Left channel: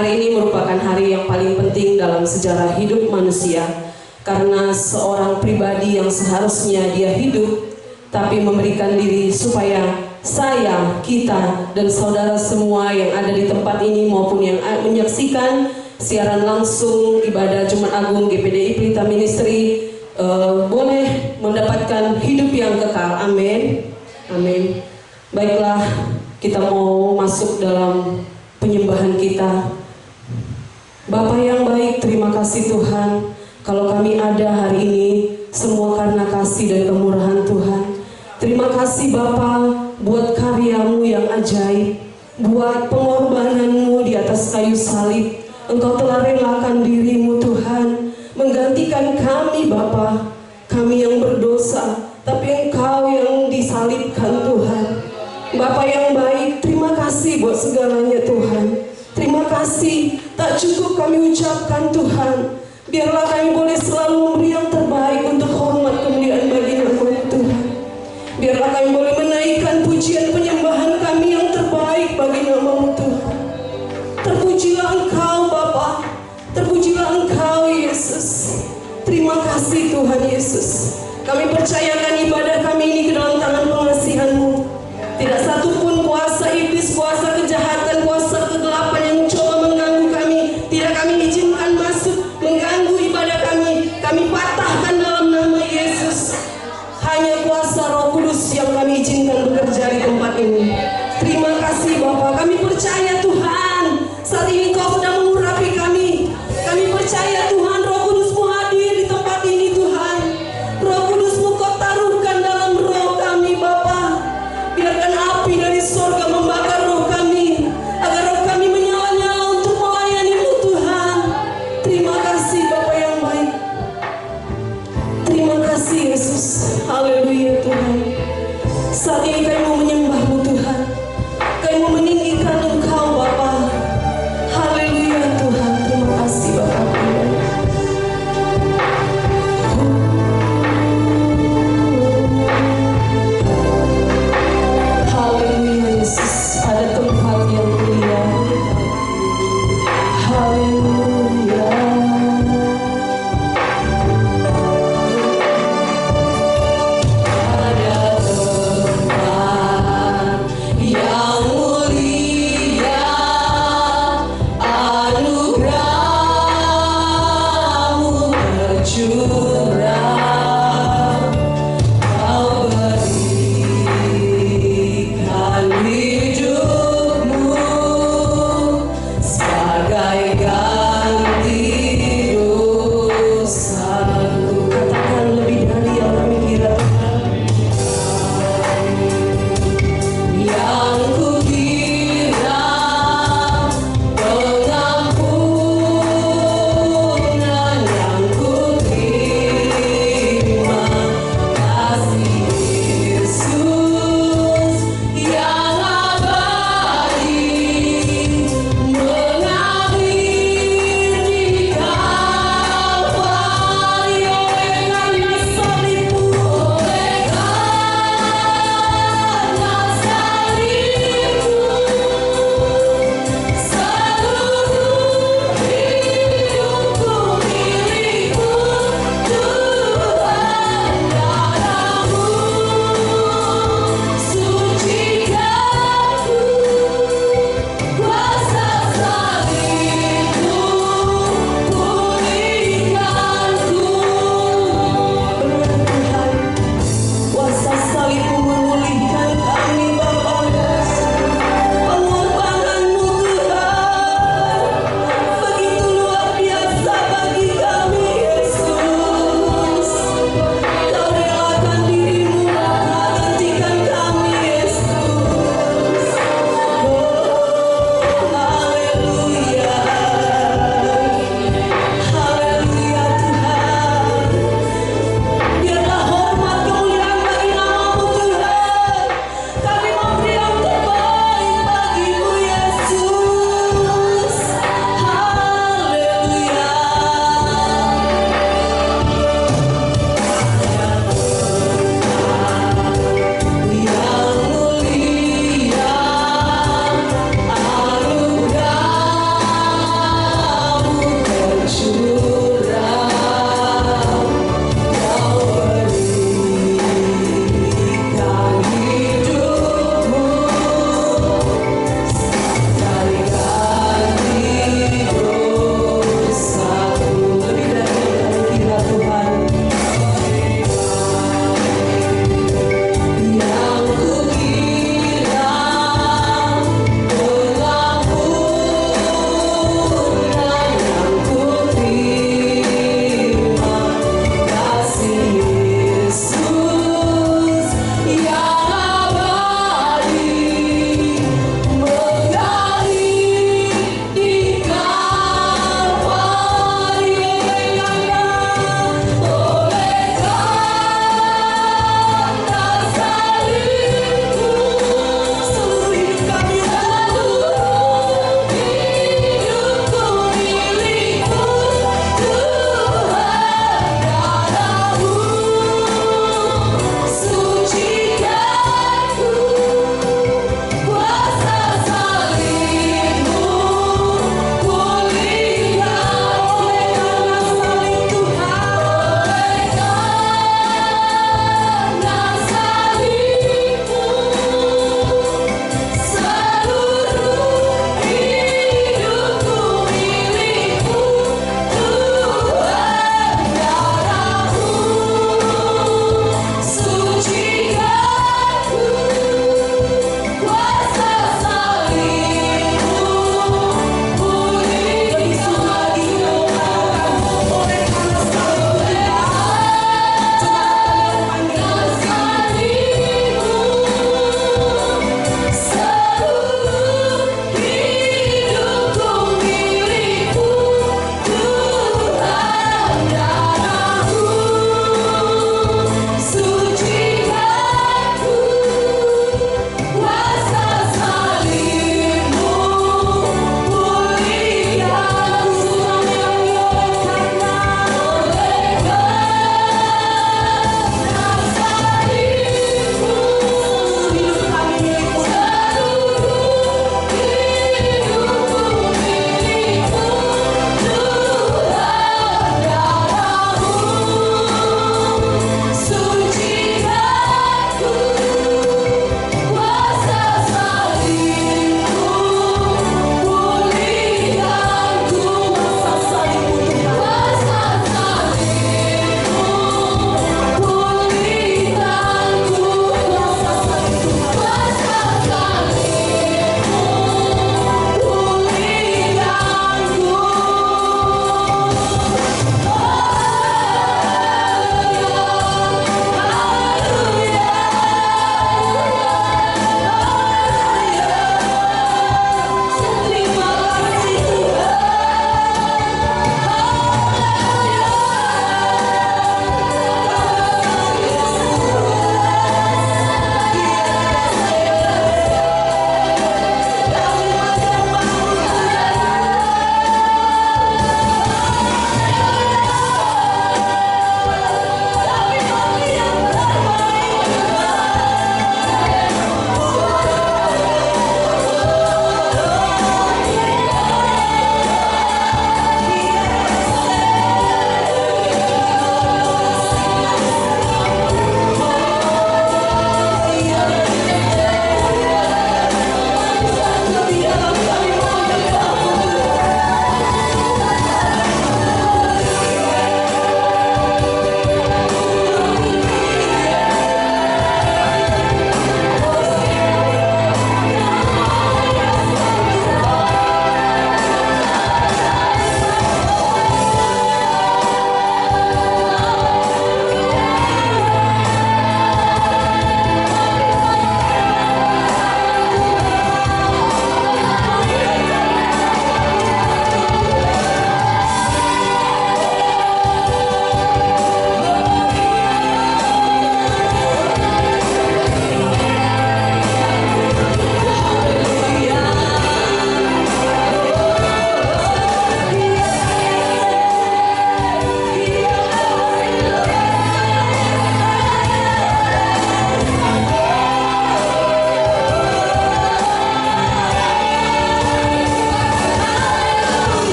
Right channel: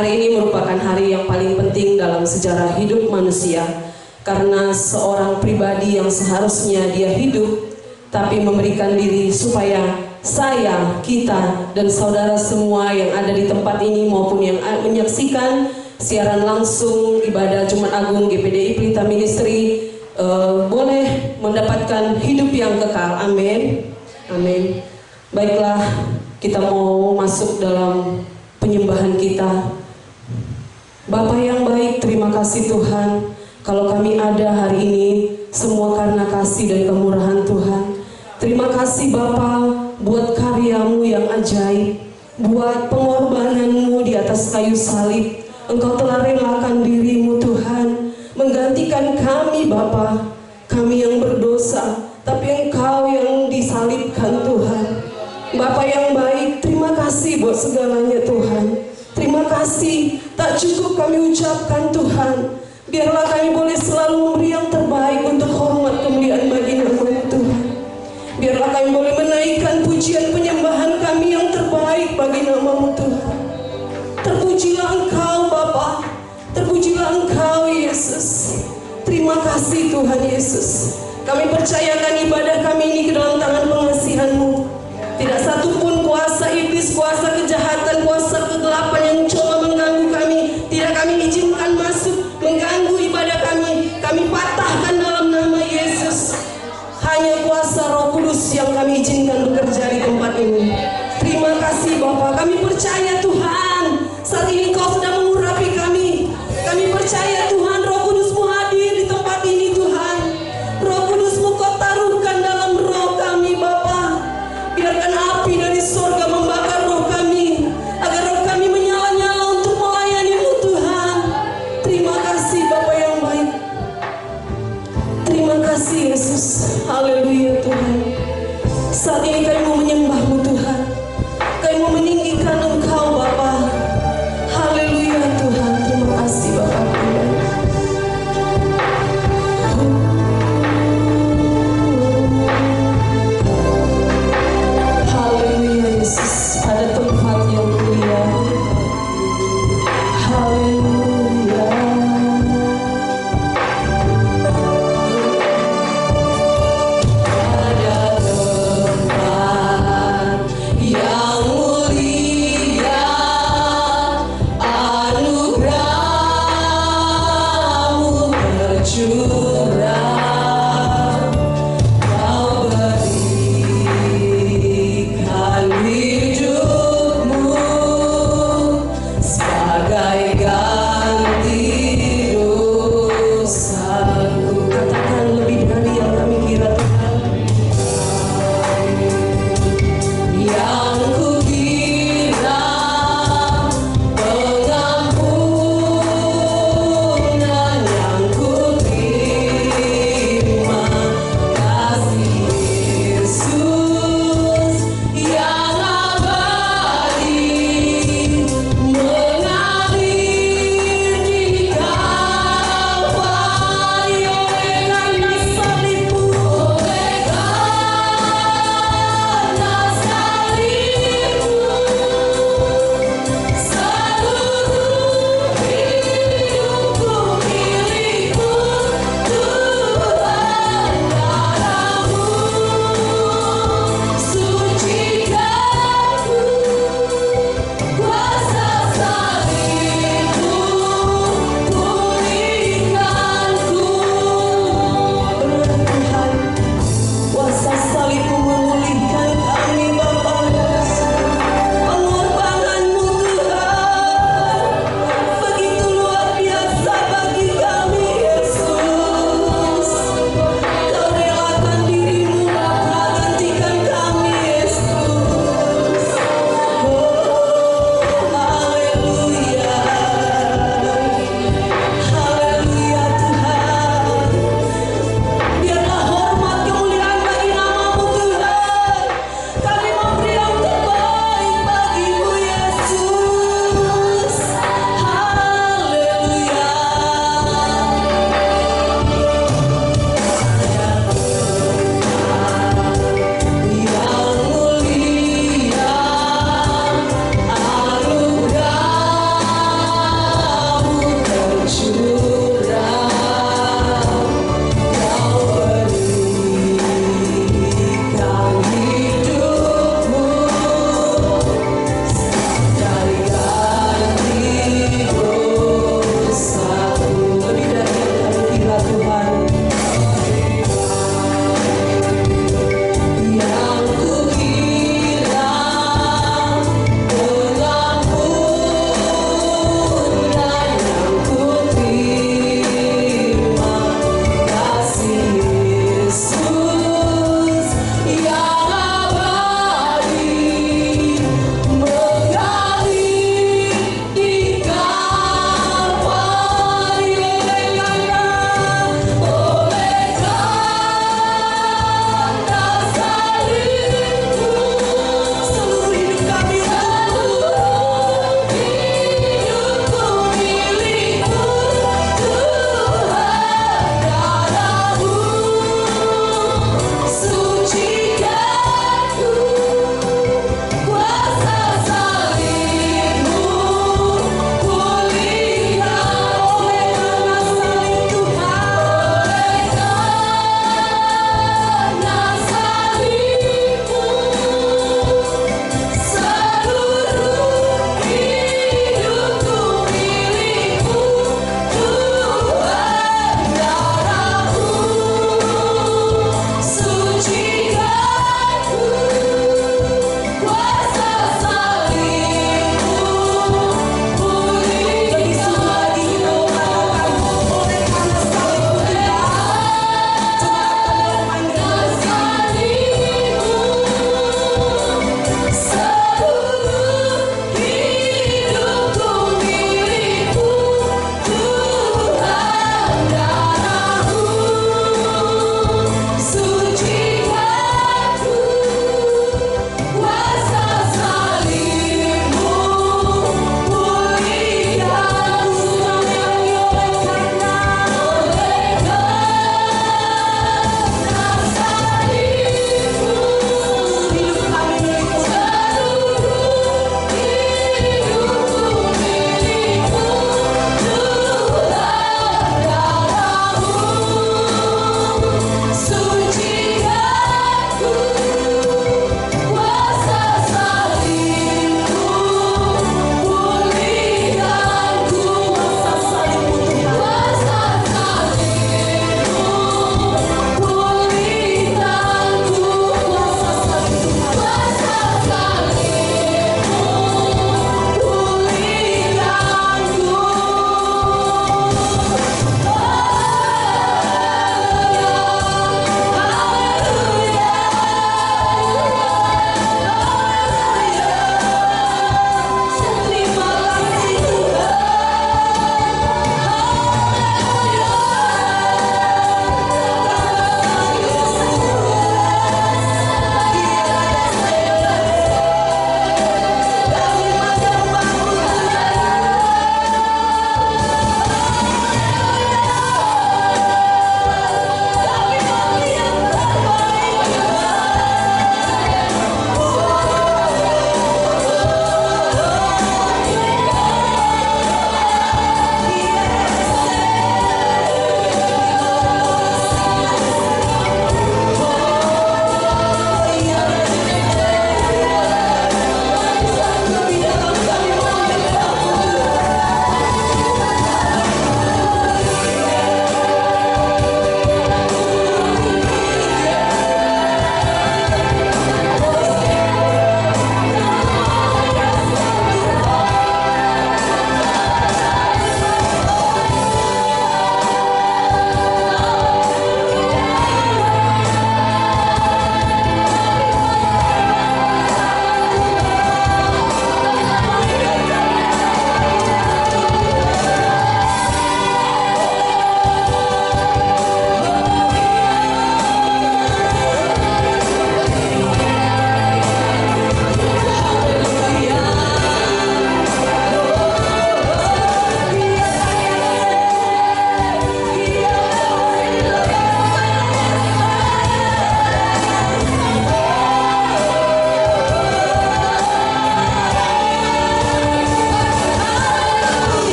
Hari ini merupakan hari yang paling penting dalam sejarah hidup manusia, karena seorang pribadi yang seharusnya dia hidup tapi memberikan diri supaya saya, kita, dan saudara semua yang ada di tempat ini maupun yang menyaksikan siaran langsung ibadah Jumat Agung GPDI Pelita Ministry boleh mendapatkan hidup yang kekal. Amin. Amin. Baiklah, kita mau masuk dalam penyembahan kita. Bapa yang baik, terima kasih Tuhan. Kalau kami ada hari ini, semua karena kasih dan kemurahan Tuhan. Terima kasih Bapa buat karyamu yang ajaib, buat pengorbananmu di atas kayu salib. Engkau telah relakan dirimu Tuhan, menggantikan kami Bapa, kami yang berdosa, tapi Engkau yang disalibkan Tuhan. Bapa yang baik, terima kasih buat segalanya Tuhan. Terima kasih, tak cukup kami ucapkan Tuhan. Biarlah kami boleh selalu memberi yang terbaik untuk hormat kemuliaan bagi nama-Mu Tuhan. Biarlah kami boleh menaikkan pujian penyembahan kami yang terbaik bagi nama-Mu Tuhan. Terpujilah Engkau Bapa, terpujilah Engkau Yesus. Terima kasih Tuhan Yesus. Kami percayakan ibadah kami ini ke dalam tangan pengasihan-Mu. Tidak satu pun kuasa iblis, kuasa kejahatan, kuasa kegelapan yang coba mengganggu kami, tidak kami izinkan masuk mengganggu ibadah kami. Kami patahkan dalam nama Yesus. Hanya kuasa Roh Kudus yang kami izinkan bekerja di tempat ini. Terima kasih Bapa. Kami percaya Tuhan, saat ini Kau sedang mengurapi kami. Kami percaya Tuhan, Roh Kudus-Mu hadir di tempat ini Tuhan. Roh Kudus-Mu Kau taruhkan dalam roh kami Bapa. Biarkan api dari surga membakar roh kami, agar roh kami menyala-nyala untuk melayani-Mu Tuhan. Terima kasih Bapa yang baik. Terima kasih Yesus. Haleluya Tuhan. Saat ini kami mau menyembah-Mu Tuhan. Kami mau meninggikan Engkau Bapa. Haleluya.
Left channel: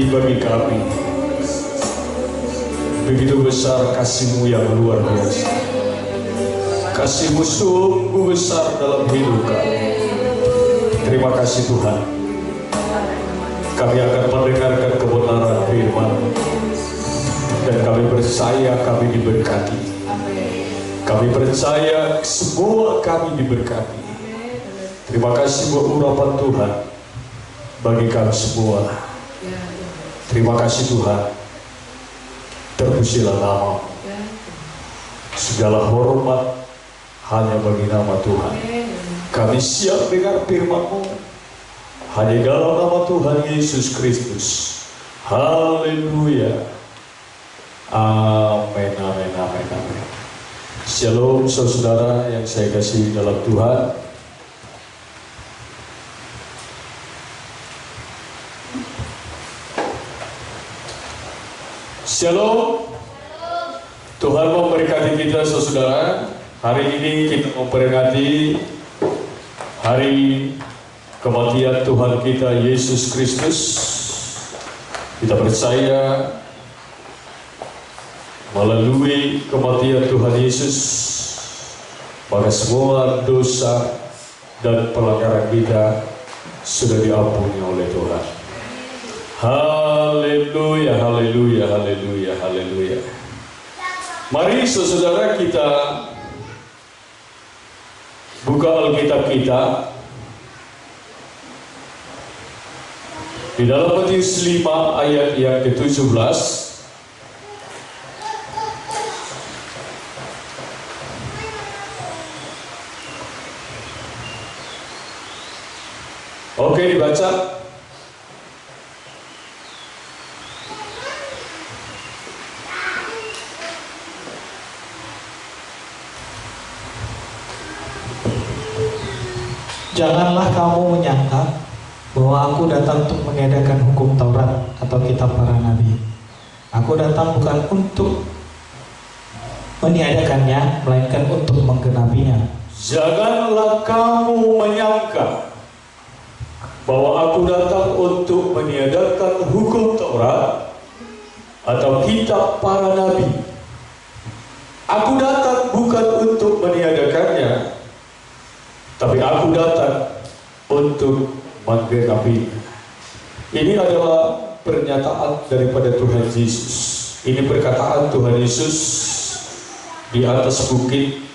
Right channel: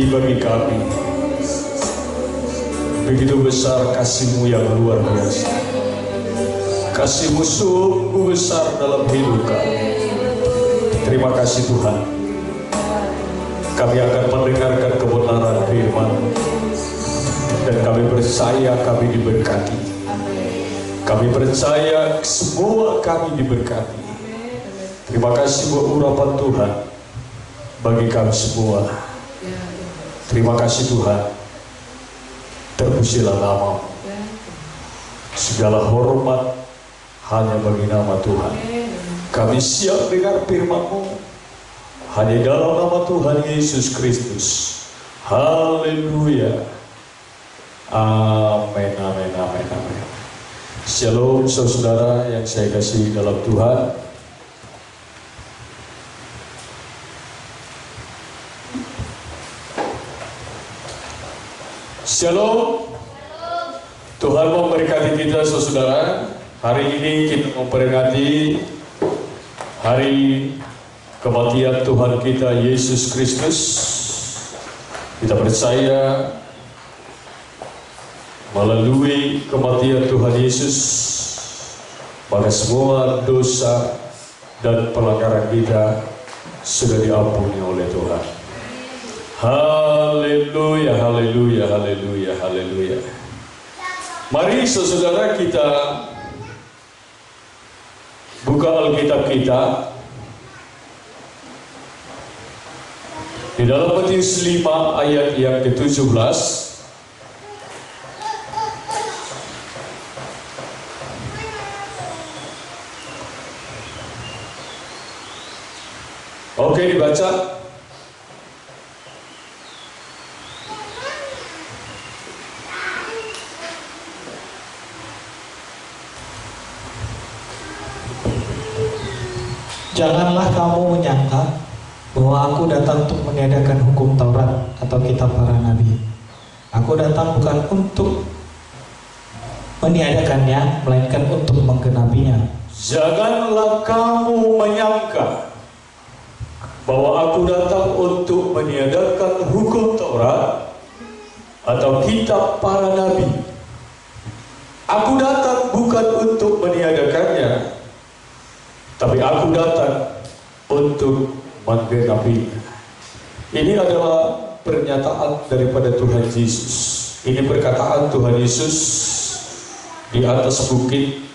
arti bagi kami. Begitu besar kasih-Mu yang luar biasa. Kasih-Mu sungguh besar dalam hidup kami. Terima kasih Tuhan. Kami akan mendengarkan kebenaran firman, dan kami percaya kami diberkati. Kami percaya semua kami diberkati. Terima kasih buat urapan Tuhan bagi kami semua. Terima kasih Tuhan. Terpujilah nama-Mu. Segala hormat hanya bagi nama Tuhan. Kami siap dengar firman-Mu hanya dalam nama Tuhan Yesus Kristus. Haleluya. Amin, amin, amin, amin. Shalom saudara yang saya kasih dalam Tuhan. Shalom. Tuhan memberkati kita saudara. Hari ini kita memperingati hari kematian Tuhan kita Yesus Kristus. Kita percaya melalui kematian Tuhan Yesus, maka semua dosa dan pelanggaran kita sudah diampuni oleh Tuhan. Haleluya, haleluya, haleluya, haleluya. Mari saudara kita buka Alkitab kita di dalam Matius 5 ayat yang ke-17. Oke, dibaca. Janganlah kamu menyangka bahwa aku datang untuk meniadakan hukum Taurat atau kitab para nabi. Aku datang bukan untuk meniadakannya, melainkan untuk menggenapinya. Janganlah kamu menyangka bahwa aku datang untuk meniadakan hukum Taurat atau kitab para nabi. Aku datang bukan untuk meniadakannya, tapi aku datang untuk menggenapi. Ini adalah pernyataan daripada Tuhan Yesus. Ini perkataan Tuhan Yesus di atas bukit.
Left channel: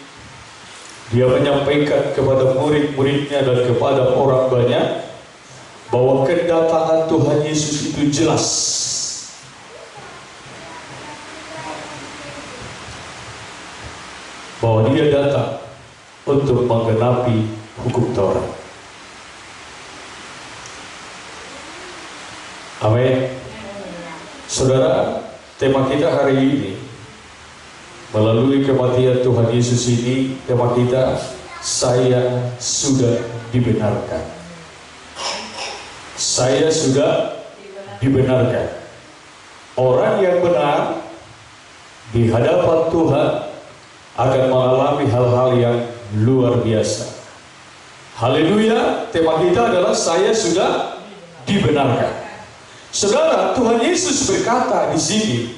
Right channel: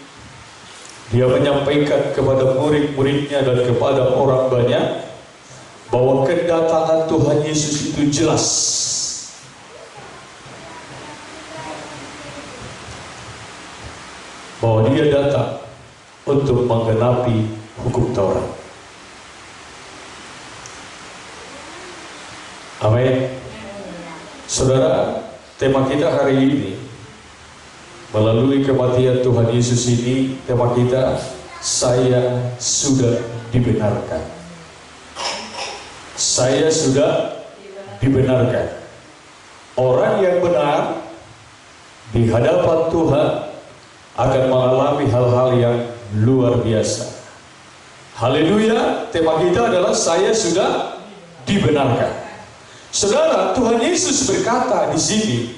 Dia menyampaikan kepada murid-muridnya dan kepada orang banyak bahwa kedatangan Tuhan Yesus itu jelas. Bahwa dia datang untuk menggenapi hukum Taurat. Amin. Saudara, tema kita hari ini melalui kematian Tuhan Yesus ini, tema kita, saya sudah dibenarkan. Saya sudah dibenarkan. Orang yang benar di hadapan Tuhan akan mengalami hal-hal yang luar biasa. Haleluya. Tema kita adalah saya sudah dibenarkan. Saudara, Tuhan Yesus berkata di sini,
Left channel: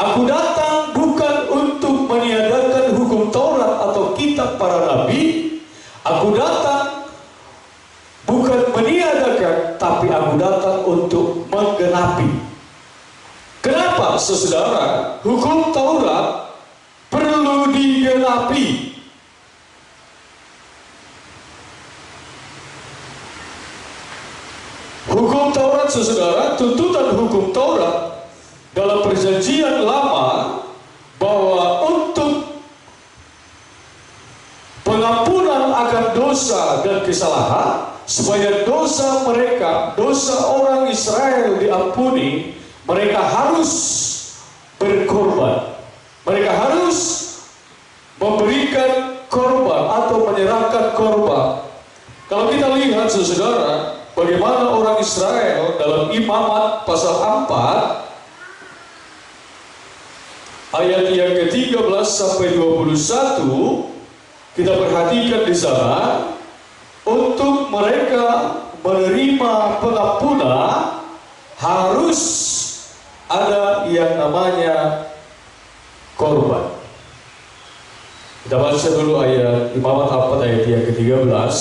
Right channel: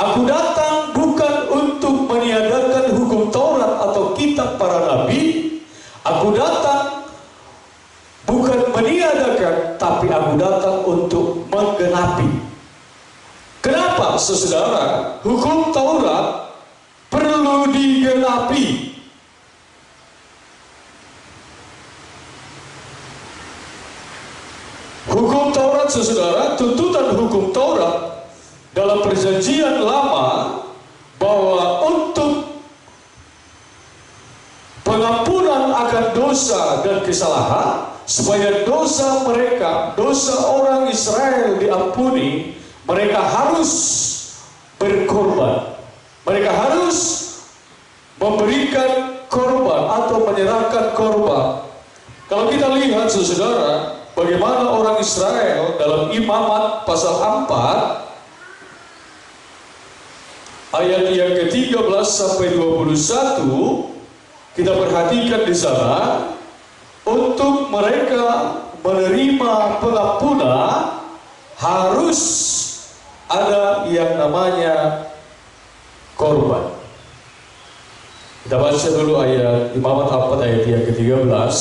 aku datang bukan untuk meniadakan hukum Taurat atau kitab para nabi. Aku datang bukan meniadakan, tapi aku datang untuk menggenapi. Kenapa, saudara? Hukum Taurat perlu digenapi. Hukum Taurat, saudara, tuntutan hukum Taurat dalam perjanjian lama bahwa untuk pengampunan akan dosa dan kesalahan, supaya dosa mereka, dosa orang Israel diampuni, mereka harus berkorban. Mereka harus memberikan korban atau menyerahkan korban. Kalau kita lihat, saudara, bagaimana orang Israel dalam Imamat pasal 4 ayat yang ke-13 sampai 21, kita perhatikan di sana, untuk mereka menerima pengampunan harus harus ada yang namanya korban. Kita baca dulu ayat Imamat 4 ayat yang ke-13.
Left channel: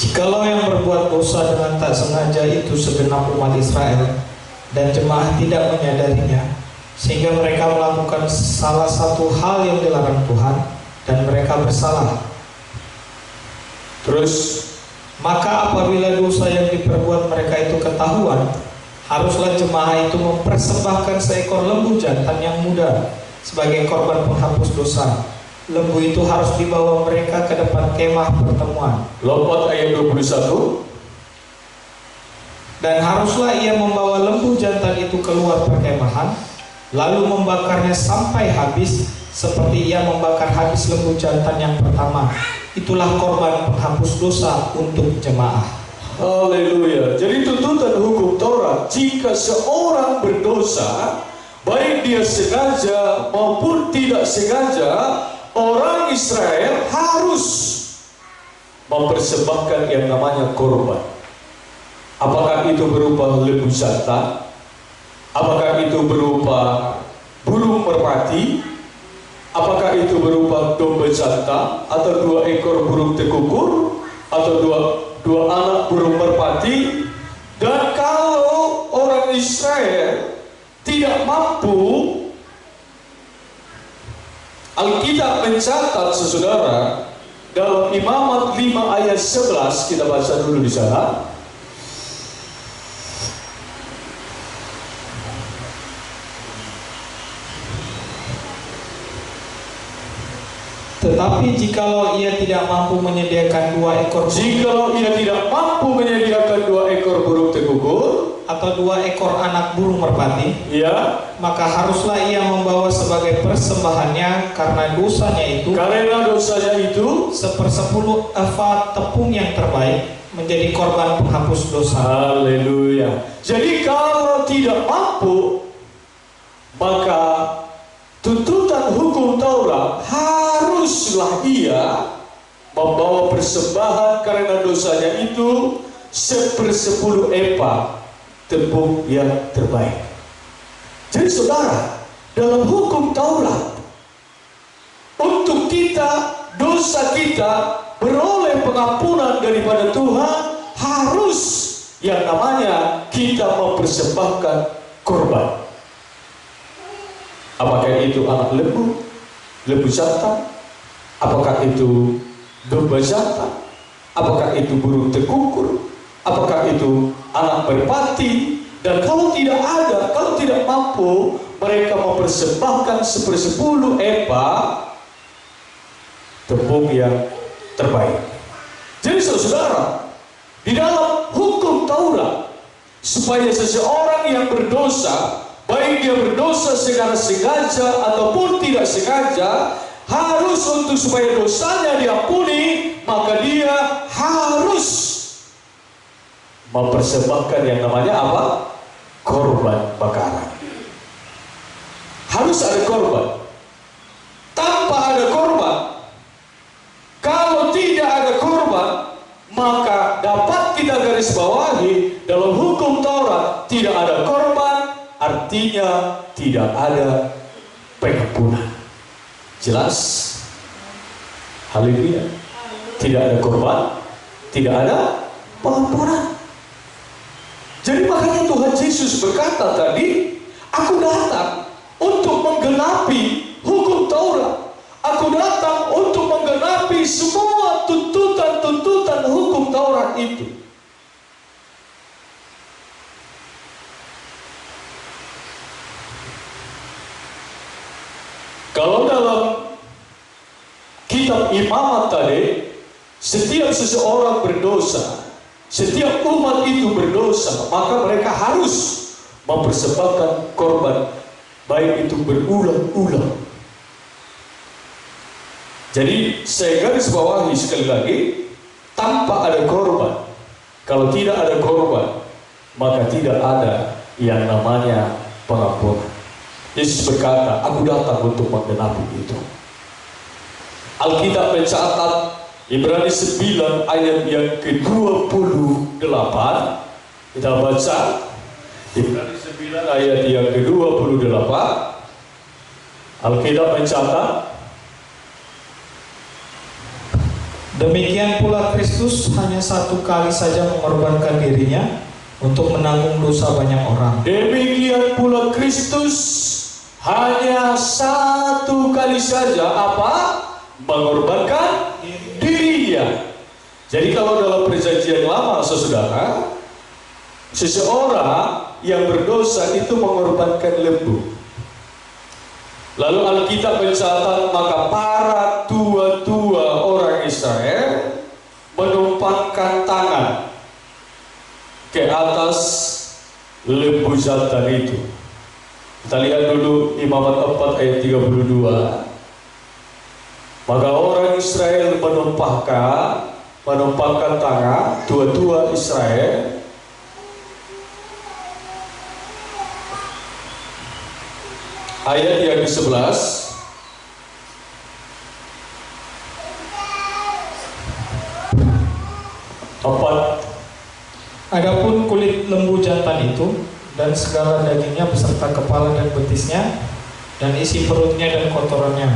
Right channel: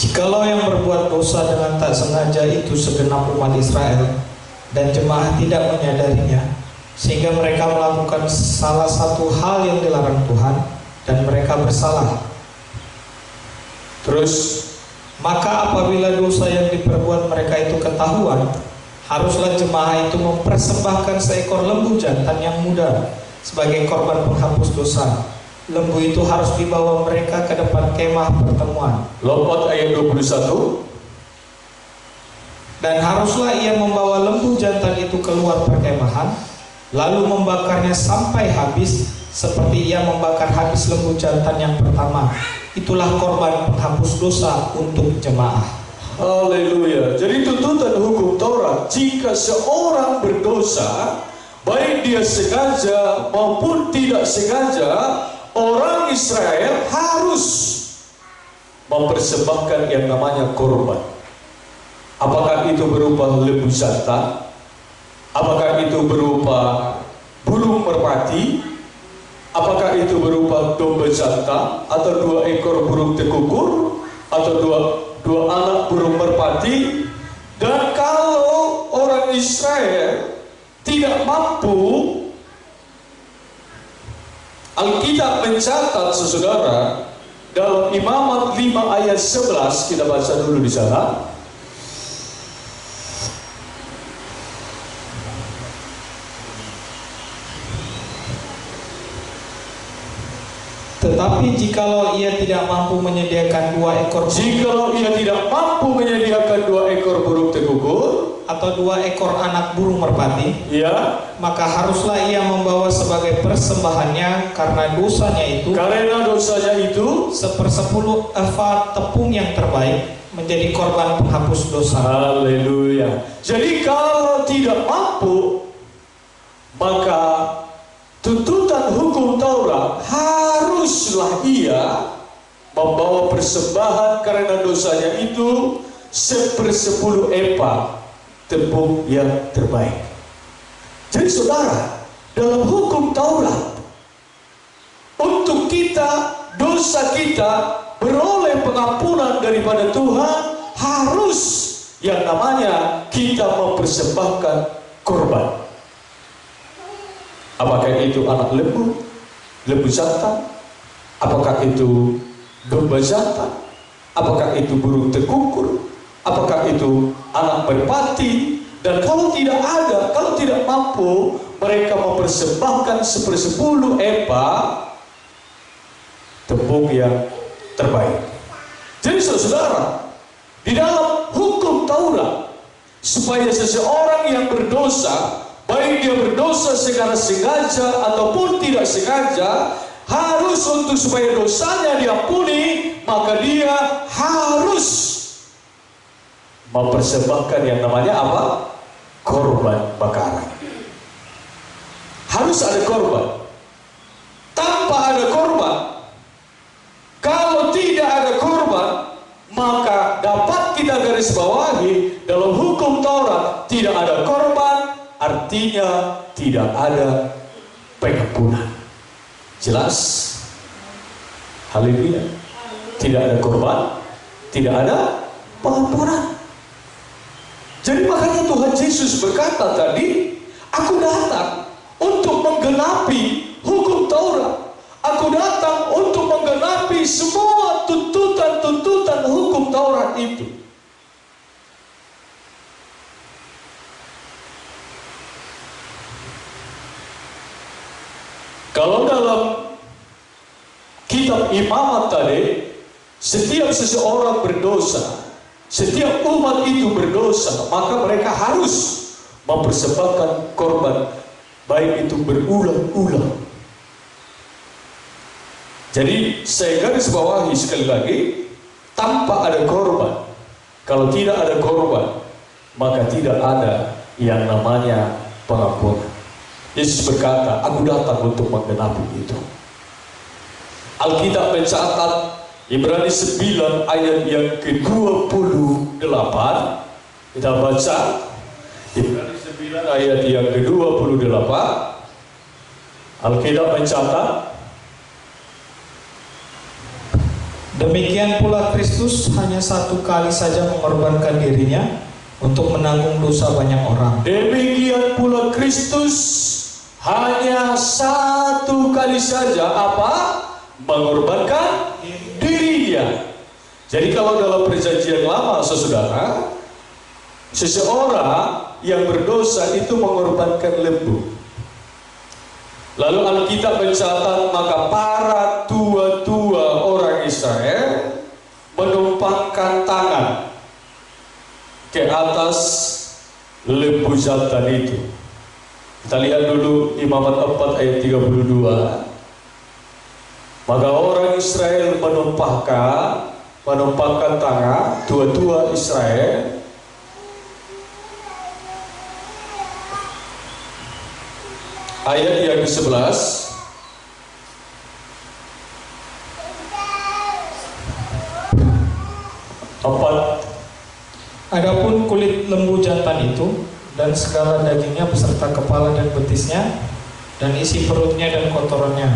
Jikalau yang berbuat dosa dengan tak sengaja itu segenap umat Israel, dan jemaah tidak menyadarinya, sehingga mereka melakukan salah satu hal yang dilarang Tuhan, dan mereka bersalah. Terus, Maka apabila dosa yang diperbuat mereka itu ketahuan, haruslah jemaah itu mempersembahkan seekor lembu jantan yang muda sebagai korban penghapus dosa. Lembu itu harus dibawa mereka ke depan kemah pertemuan. lompat ayat 21. Dan haruslah ia membawa lembu jantan itu keluar perkemahan, lalu membakarnya sampai habis, seperti ia membakar habis lembu jantan yang pertama. Itulah korban penghapus dosa untuk jemaah. Haleluya. Jadi tuntutan hukum Taurat, jika seorang berdosa, baik dia sengaja maupun tidak sengaja, orang Israel harus mempersembahkan yang namanya korban. Apakah itu berupa lembu jantan? Apakah itu berupa burung merpati? Apakah itu berupa domba jantan atau 2 ekor burung tekukur atau dua anak burung merpati? Dan kalau orang Israel tidak mampu, Alkitab mencatat, saudara, dalam Imamat 5 ayat 11, kita baca dulu di sana. Tetapi jikalau ia tidak mampu menyediakan 2 ekor Jikalau ia tidak mampu menyediakan 2 ekor burung tekukur atau 2 ekor anak burung merpati, ya, maka haruslah ia membawa sebagai persembahannya karena dosanya itu sepersepuluh efa tepung yang terbaik menjadi korban penghapus dosa. Haleluya. Jadi kalau tidak mampu, maka tuntutan hukum Taurat haruslah ia membawa persembahan karena dosanya itu 1/10 efa tepung yang terbaik. Jadi saudara, dalam hukum Taurat, untuk kita, dosa kita beroleh pengampunan daripada Tuhan, harus yang namanya kita mempersembahkan korban. Apakah itu anak lembu jantan? Apakah itu domba jantan? Apakah itu burung tekukur? Apakah itu anak merpati? Dan kalau tidak ada, kalau tidak mampu, mereka mempersembahkan 1/10 efa tepung yang terbaik. Jadi saudara, di dalam hukum Taurat, supaya seseorang yang berdosa, baik dia berdosa secara sengaja ataupun tidak sengaja, harus untuk supaya dosanya diampuni, maka dia harus mempersembahkan yang namanya apa? Korban bakaran. Harus ada korban. Tanpa ada korban, kalau tidak ada korban, maka dapat kita garis bawahi dalam hukum Taurat, tidak ada korban artinya tidak ada pengampunan. Jelas? Haleluya. Tidak ada korban, tidak ada pengampunan. Jadi makanya Tuhan Yesus berkata tadi, aku datang untuk menggenapi hukum Taurat. Aku datang untuk menggenapi semua tuntutan-tuntutan hukum Taurat itu. Kalau dalam kitab Imamat tadi, setiap seseorang berdosa, setiap umat itu berdosa, maka mereka harus mempersembahkan korban, baik itu berulang-ulang. Jadi saya garis bawahi sekali lagi, tanpa ada korban, kalau tidak ada korban, maka tidak ada yang namanya pengampunan. Yesus berkata, aku datang untuk menggenapi itu. Alkitab mencatat Ibrani 9 ayat yang ke-28. Kita baca Ibrani 9 ayat yang ke-28. Alkitab mencatat, demikian pula Kristus hanya satu kali saja mengorbankan dirinya untuk menanggung dosa banyak orang. demikian pula Kristus hanya satu kali saja mengorbankan dirinya. Jadi kalau dalam perjanjian lama, saudara, seseorang yang berdosa itu mengorbankan lembu. Lalu Alkitab mencatat, maka para tua-tua orang Israel menumpangkan tangan ke atas lembu jantan itu. Kita lihat dulu Imamat 4 ayat 32. Maka orang Israel menumpangkan tangan, tua-tua Israel, ayat yang ke-11. Adapun kulit lembu jantan itu dan segala dagingnya beserta kepala dan betisnya dan isi perutnya dan kotorannya.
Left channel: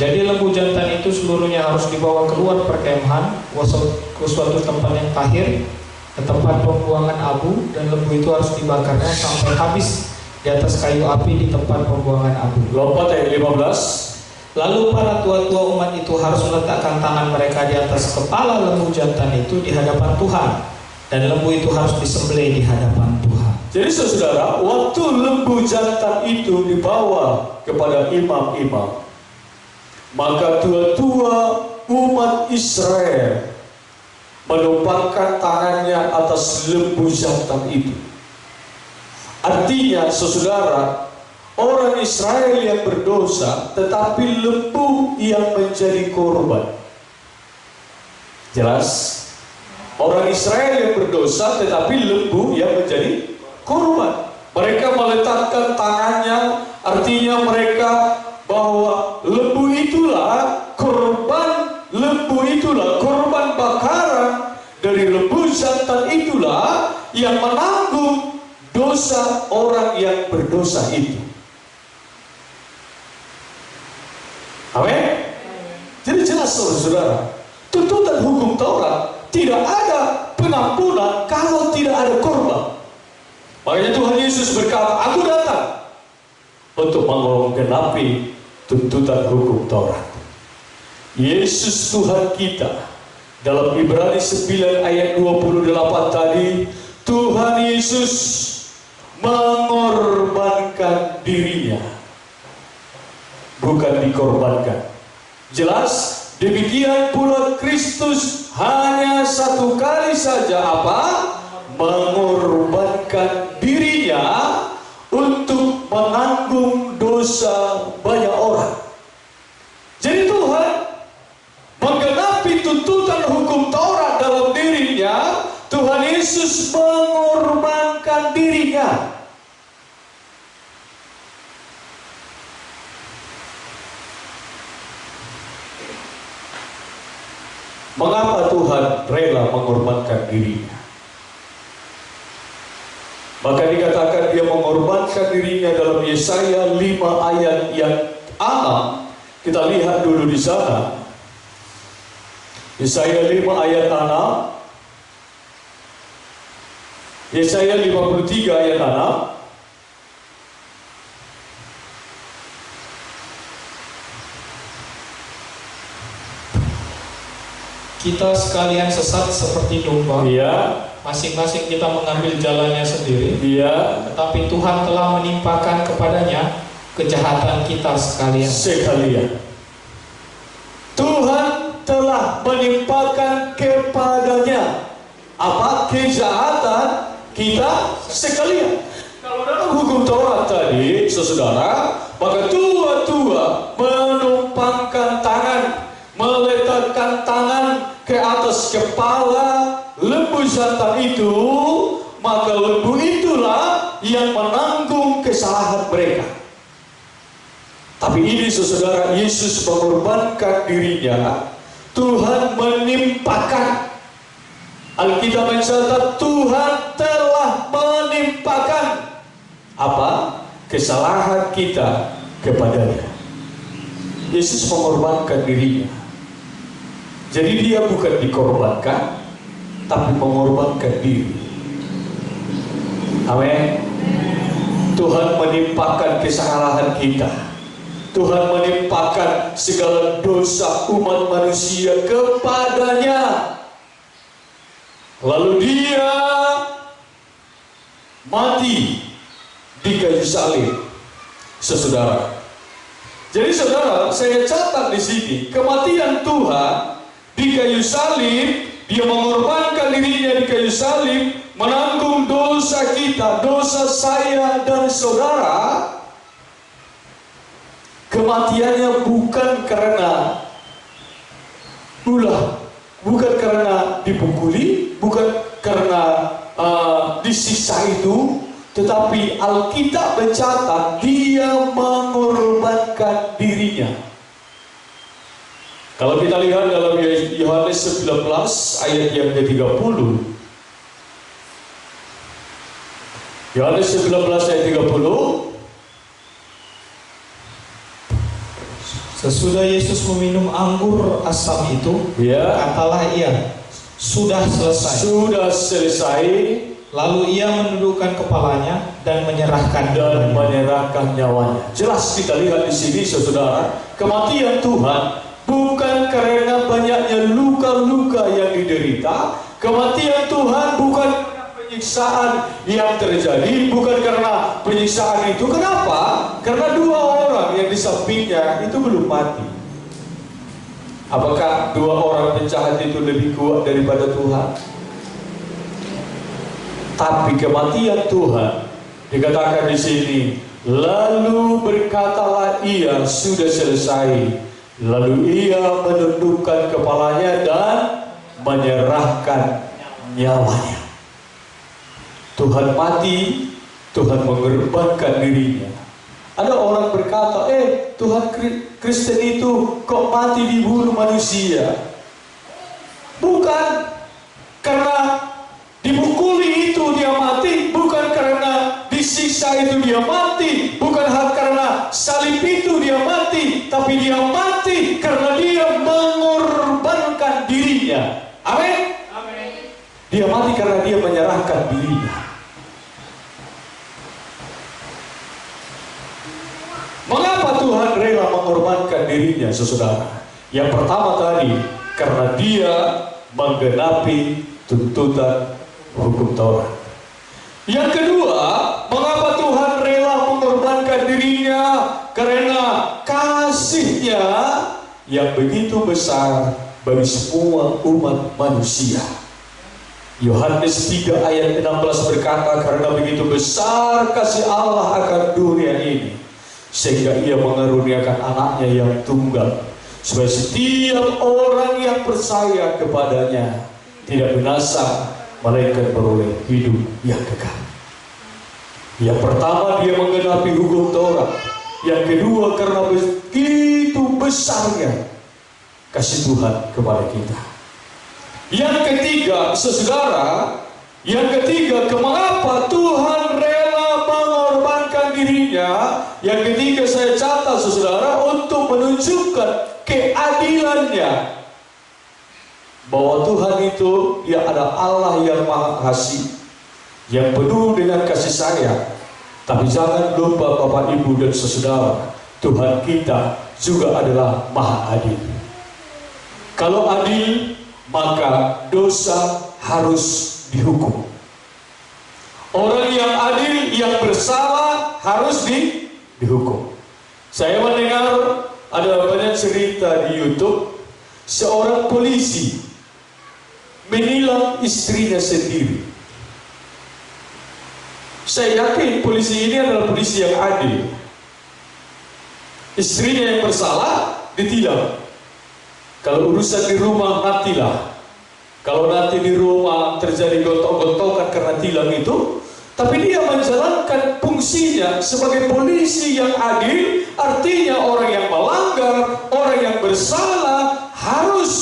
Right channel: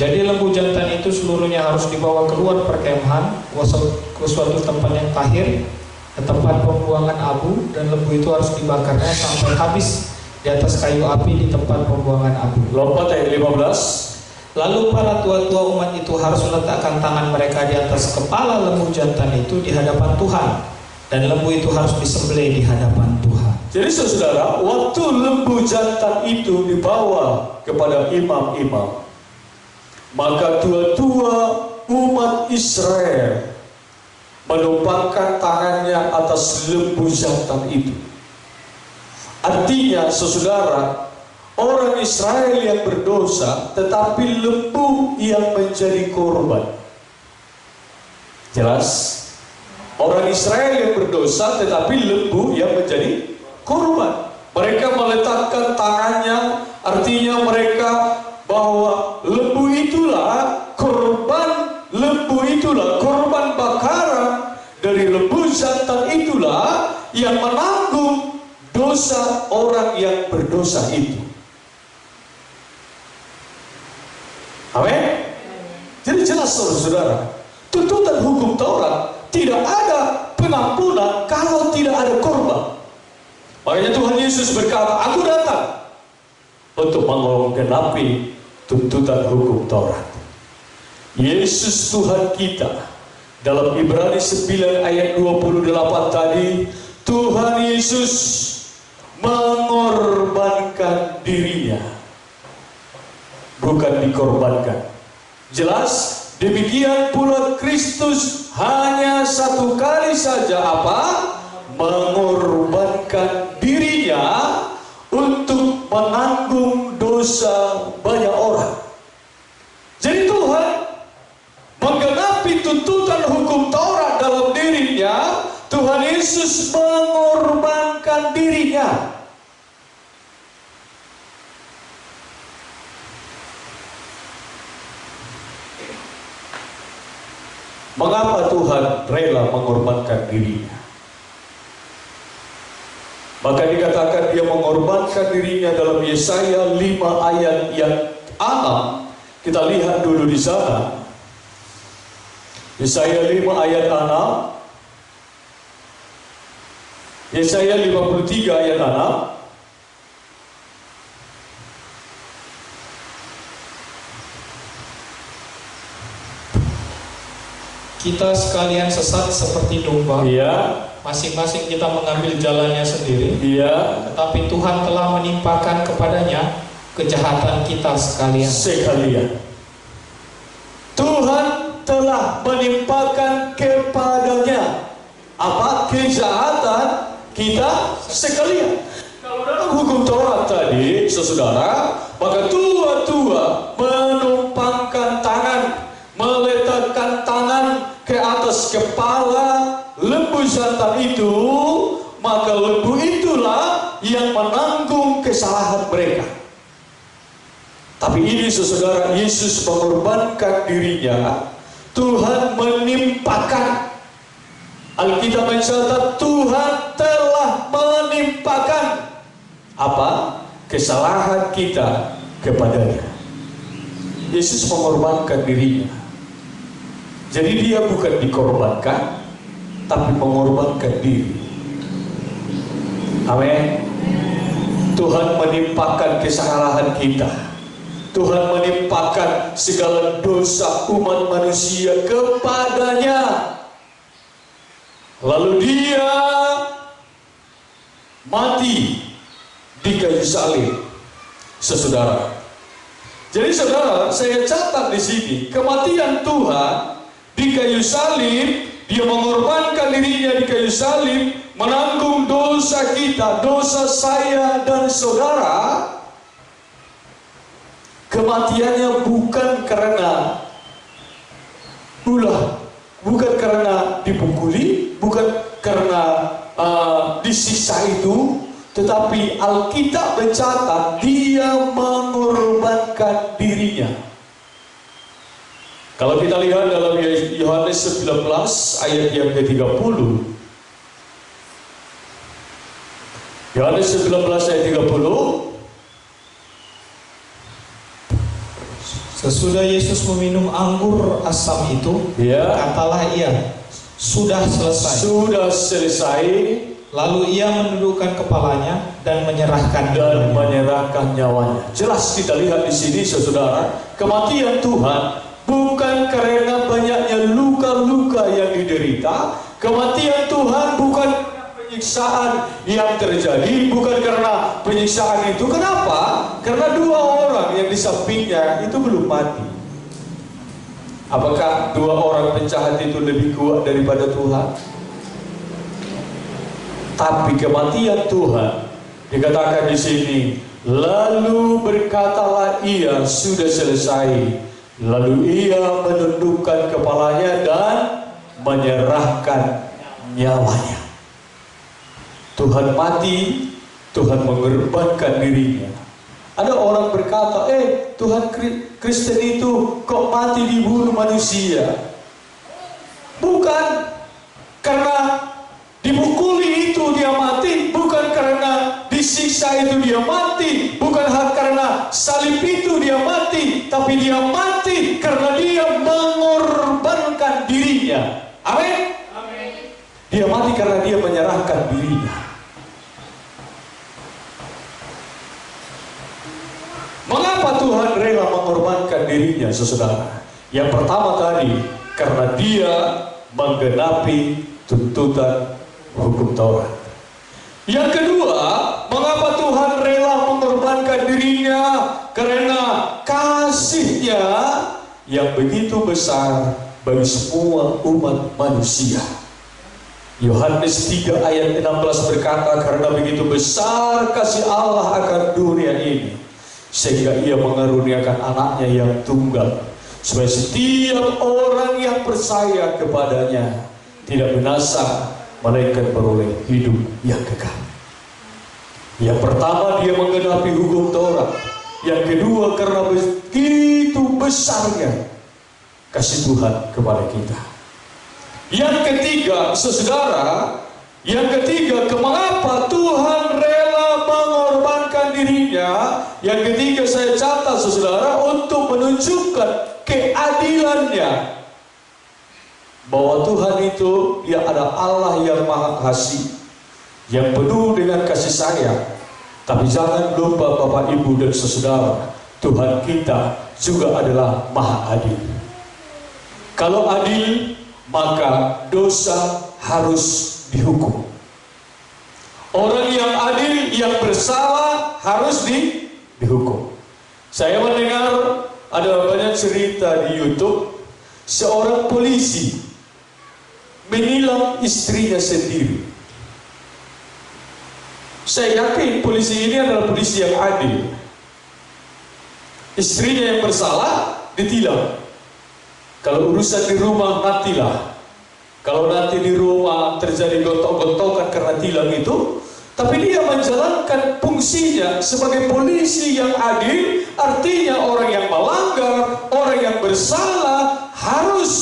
Jadi lembu jantan itu seluruhnya harus dibawa keluar perkemahan ke suatu tempat yang tahir, ke tempat pembuangan abu, dan lembu itu harus dibakarnya sampai habis di atas kayu api di tempat pembuangan abu. Lompat ayat 15. Lalu para tua-tua umat itu harus meletakkan tangan mereka di atas kepala lembu jantan itu di hadapan Tuhan, dan lembu itu harus disembelih di hadapan Tuhan. Jadi saudara, waktu lembu jantan itu dibawa kepada imam-imam, maka tua-tua umat Israel menumpangkan tangannya atas lembu jantan itu. Artinya, saudara, orang Israel yang berdosa, tetapi lembu yang menjadi korban. Jelas? Orang Israel yang berdosa, tetapi lembu yang menjadi korban. Mereka meletakkan tangannya, artinya mereka bahwa lembu itulah korban bakaran dari lembu jantan itulah yang menanggung dosa orang yang berdosa itu. Amin. Jadi jelas saudara, tuntutan hukum Taurat tidak ada pengampunan kalau tidak ada korban. Makanya Tuhan Yesus berkata, aku datang untuk menggenapi tuntutan hukum Taurat. Yesus Tuhan kita dalam Ibrani 9 ayat 28 tadi, Tuhan Yesus mengorbankan dirinya, bukan dikorbankan. Jelas? Demikian pula Kristus hanya satu kali saja mengorbankan dirinya untuk menanggung dosa banyak orang. Jadi Tuhan menggenapi tuntutan hukum Taurat dalam dirinya. Tuhan Yesus mengorbankan dirinya. Mengapa Tuhan rela mengorbankan dirinya? Maka dikatakan dia mengorbankan dirinya dalam Yesaya 5 ayat yang 6. Kita lihat dulu di sana. Yesaya 5 ayat 6. Yesaya 53 ayat 6. Kita sekalian sesat seperti domba. Iya. Masing-masing kita mengambil jalannya sendiri. Iya. Tetapi Tuhan telah menimpakan kepadanya kejahatan kita sekalian. Tuhan telah menimpakan kepadanya kejahatan kita sekalian. Kalau dalam hukum Taurat tadi, saudara, maka tua-tua menumpangkan tangan, meletakkan tangan ke atas kepala lembu jantan itu, maka lembu itulah yang menanggung kesalahan mereka. Tapi ini saudara, Yesus mengorbankan dirinya. Tuhan menimpakan. Alkitab mencatat Tuhan telah menimpakan apa? Kesalahan kita kepadanya. Yesus mengorbankan dirinya. Jadi dia bukan dikorbankan, tapi mengorbankan diri. Amin. Tuhan menimpakan kesalahan kita. Tuhan menimpakan segala dosa umat manusia kepadanya. Lalu dia mati di kayu salib, saudara. Jadi saudara, saya catat di sini kematian Tuhan di kayu salib. Dia mengorbankan dirinya di kayu salib, menanggung dosa kita, dosa saya dan saudara. Kematiannya bukan karena ulah, bukan karena dipukuli, bukan karena disiksa itu, tetapi Alkitab mencatat dia mengorbankan dirinya. Kalau kita lihat dalam Yohanes 19 ayat yang ke-30, Yohanes 19 ayat 30, sesudah Yesus meminum anggur asam itu, katalah ia, sudah selesai. Sudah selesai. Lalu ia menundukkan kepalanya dan menyerahkan nyawanya. Jelas kita lihat di sini, saudara, kematian Tuhan bukan karena banyaknya luka-luka yang diderita. Kematian Tuhan bukan penyiksaan yang terjadi, bukan karena penyiksaan itu. Kenapa? Karena dua orang yang di sampingnya itu belum mati. Apakah dua orang penjahat itu lebih kuat daripada Tuhan? Tapi kematian Tuhan dikatakan di sini, lalu berkatalah ia, sudah selesai. Lalu ia menundukkan kepalanya dan menyerahkan nyawanya. Tuhan mati, Tuhan mengorbankan dirinya. Ada orang berkata, Tuhan Kristen itu kok mati dibunuh manusia? Bukan karena dipukuli itu dia mati, bukan karena disiksa itu dia mati, bukan karena salib itu dia mati, tapi dia mati karena dia mengorbankan dirinya. Amin. Dia mati karena dia menyerahkan dirinya. Mengapa Tuhan rela mengorbankan dirinya, saudara? Yang pertama tadi, karena dia menggenapi tuntutan hukum Taurat. Yang kedua, mengapa Tuhan rela mengorbankan dirinya? Karena kasih-Nya yang begitu besar bagi semua umat manusia. Yohanes 3 ayat 16 berkata, karena begitu besar kasih Allah akan dunia ini, sehingga ia mengaruniakan anaknya yang tunggal, supaya setiap orang yang percaya kepadanya tidak binasa, melainkan beroleh hidup yang kekal. Yang pertama, dia menggenapi hukum Taurat. Yang kedua, karena begitu besarnya kasih Tuhan kepada kita. Yang ketiga, saudara, mengapa Tuhan rela mengorbankan dirinya? Yang ketiga saya catat, saudara, untuk menunjukkan keadilannya. Bahwa Tuhan itu, dia adalah Allah yang maha kasih, yang penuh dengan kasih sayang. Tapi jangan lupa Bapak, Ibu, dan saudara, Tuhan kita juga adalah maha adil. Kalau adil, maka dosa harus dihukum. Orang yang adil, yang bersalah harus dihukum. Saya mendengar ada banyak cerita di YouTube, seorang polisi menilang istrinya sendiri. Saya yakin polisi ini adalah polisi yang adil. Istrinya yang bersalah ditilang. Kalau urusan di rumah, nantilah. Kalau nanti di rumah terjadi gontok-gontokan karena tilang itu, tapi dia menjalankan fungsinya sebagai polisi yang adil. Artinya orang yang melanggar, orang yang bersalah harus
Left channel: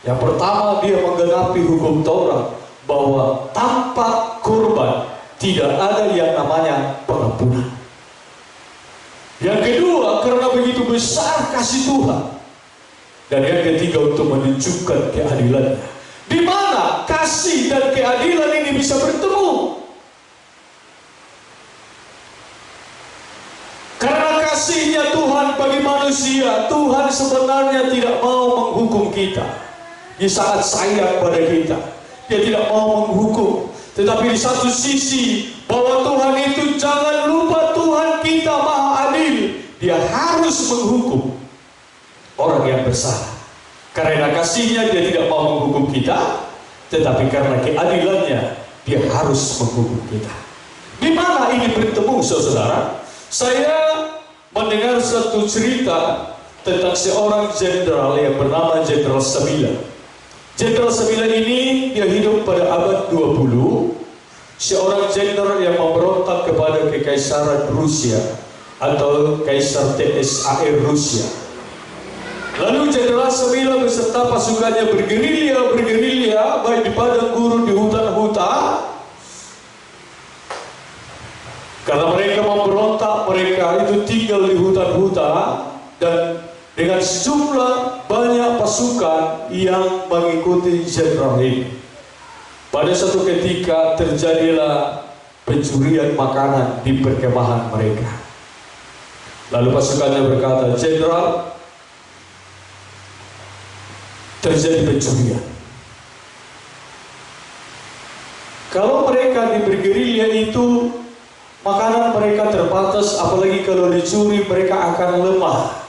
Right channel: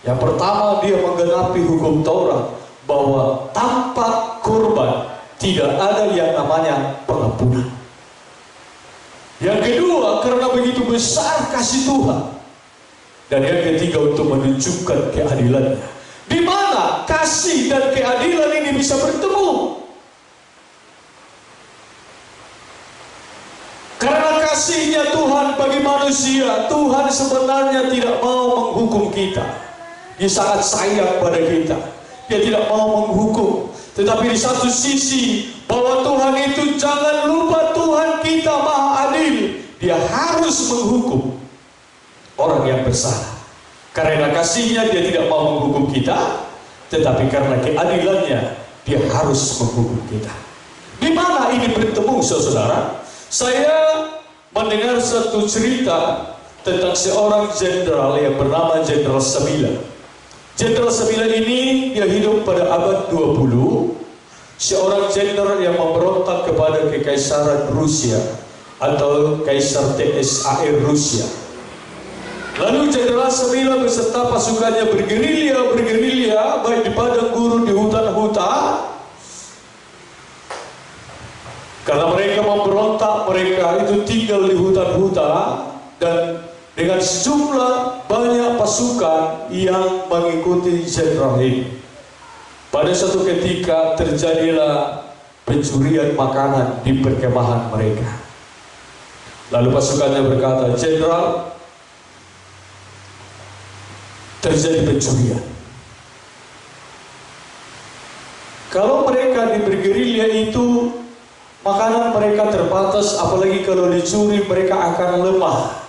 Yang pertama, dia menggenapi hukum Taurat bahwa tanpa kurban tidak ada yang namanya pengampunan. Yang kedua, karena begitu besar kasih Tuhan. Dan yang ketiga, untuk menunjukkan keadilannya. Di mana kasih dan keadilan ini bisa bertemu? Karena kasihnya Tuhan bagi manusia, Tuhan sebenarnya tidak mau menghukum kita. Dia sangat sayang pada kita. Dia tidak mau menghukum. Tetapi di satu sisi, bahwa Tuhan itu, jangan lupa Tuhan kita maha adil. Dia harus menghukum orang yang bersalah. Karena kasihnya dia tidak mau menghukum kita, tetapi karena keadilannya dia harus menghukum kita. Di mana ini bertemu, saudara? Saya mendengar satu cerita tentang seorang jenderal yang bernama Jenderal Sabila. Jenderal Sabila ini dia hidup pada abad 20, seorang jenderal yang memberontak kepada kekaisaran Rusia atau Kaisar TSAR Rusia. Lalu Jenderal Sabila beserta pasukannya bergerilya baik di padang gurun, di hutan-hutan. Karena mereka memberontak, mereka itu tinggal di hutan-hutan dan dengan sejumlah banyak pasukan yang mengikuti jenderal ini. Pada suatu ketika terjadilah pencurian makanan di perkemahan mereka. Lalu pasukannya berkata, "Jenderal, terjadi pencurian." Kalau mereka di bergerilya itu, makanan mereka terbatas, apalagi kalau dicuri mereka akan lemah.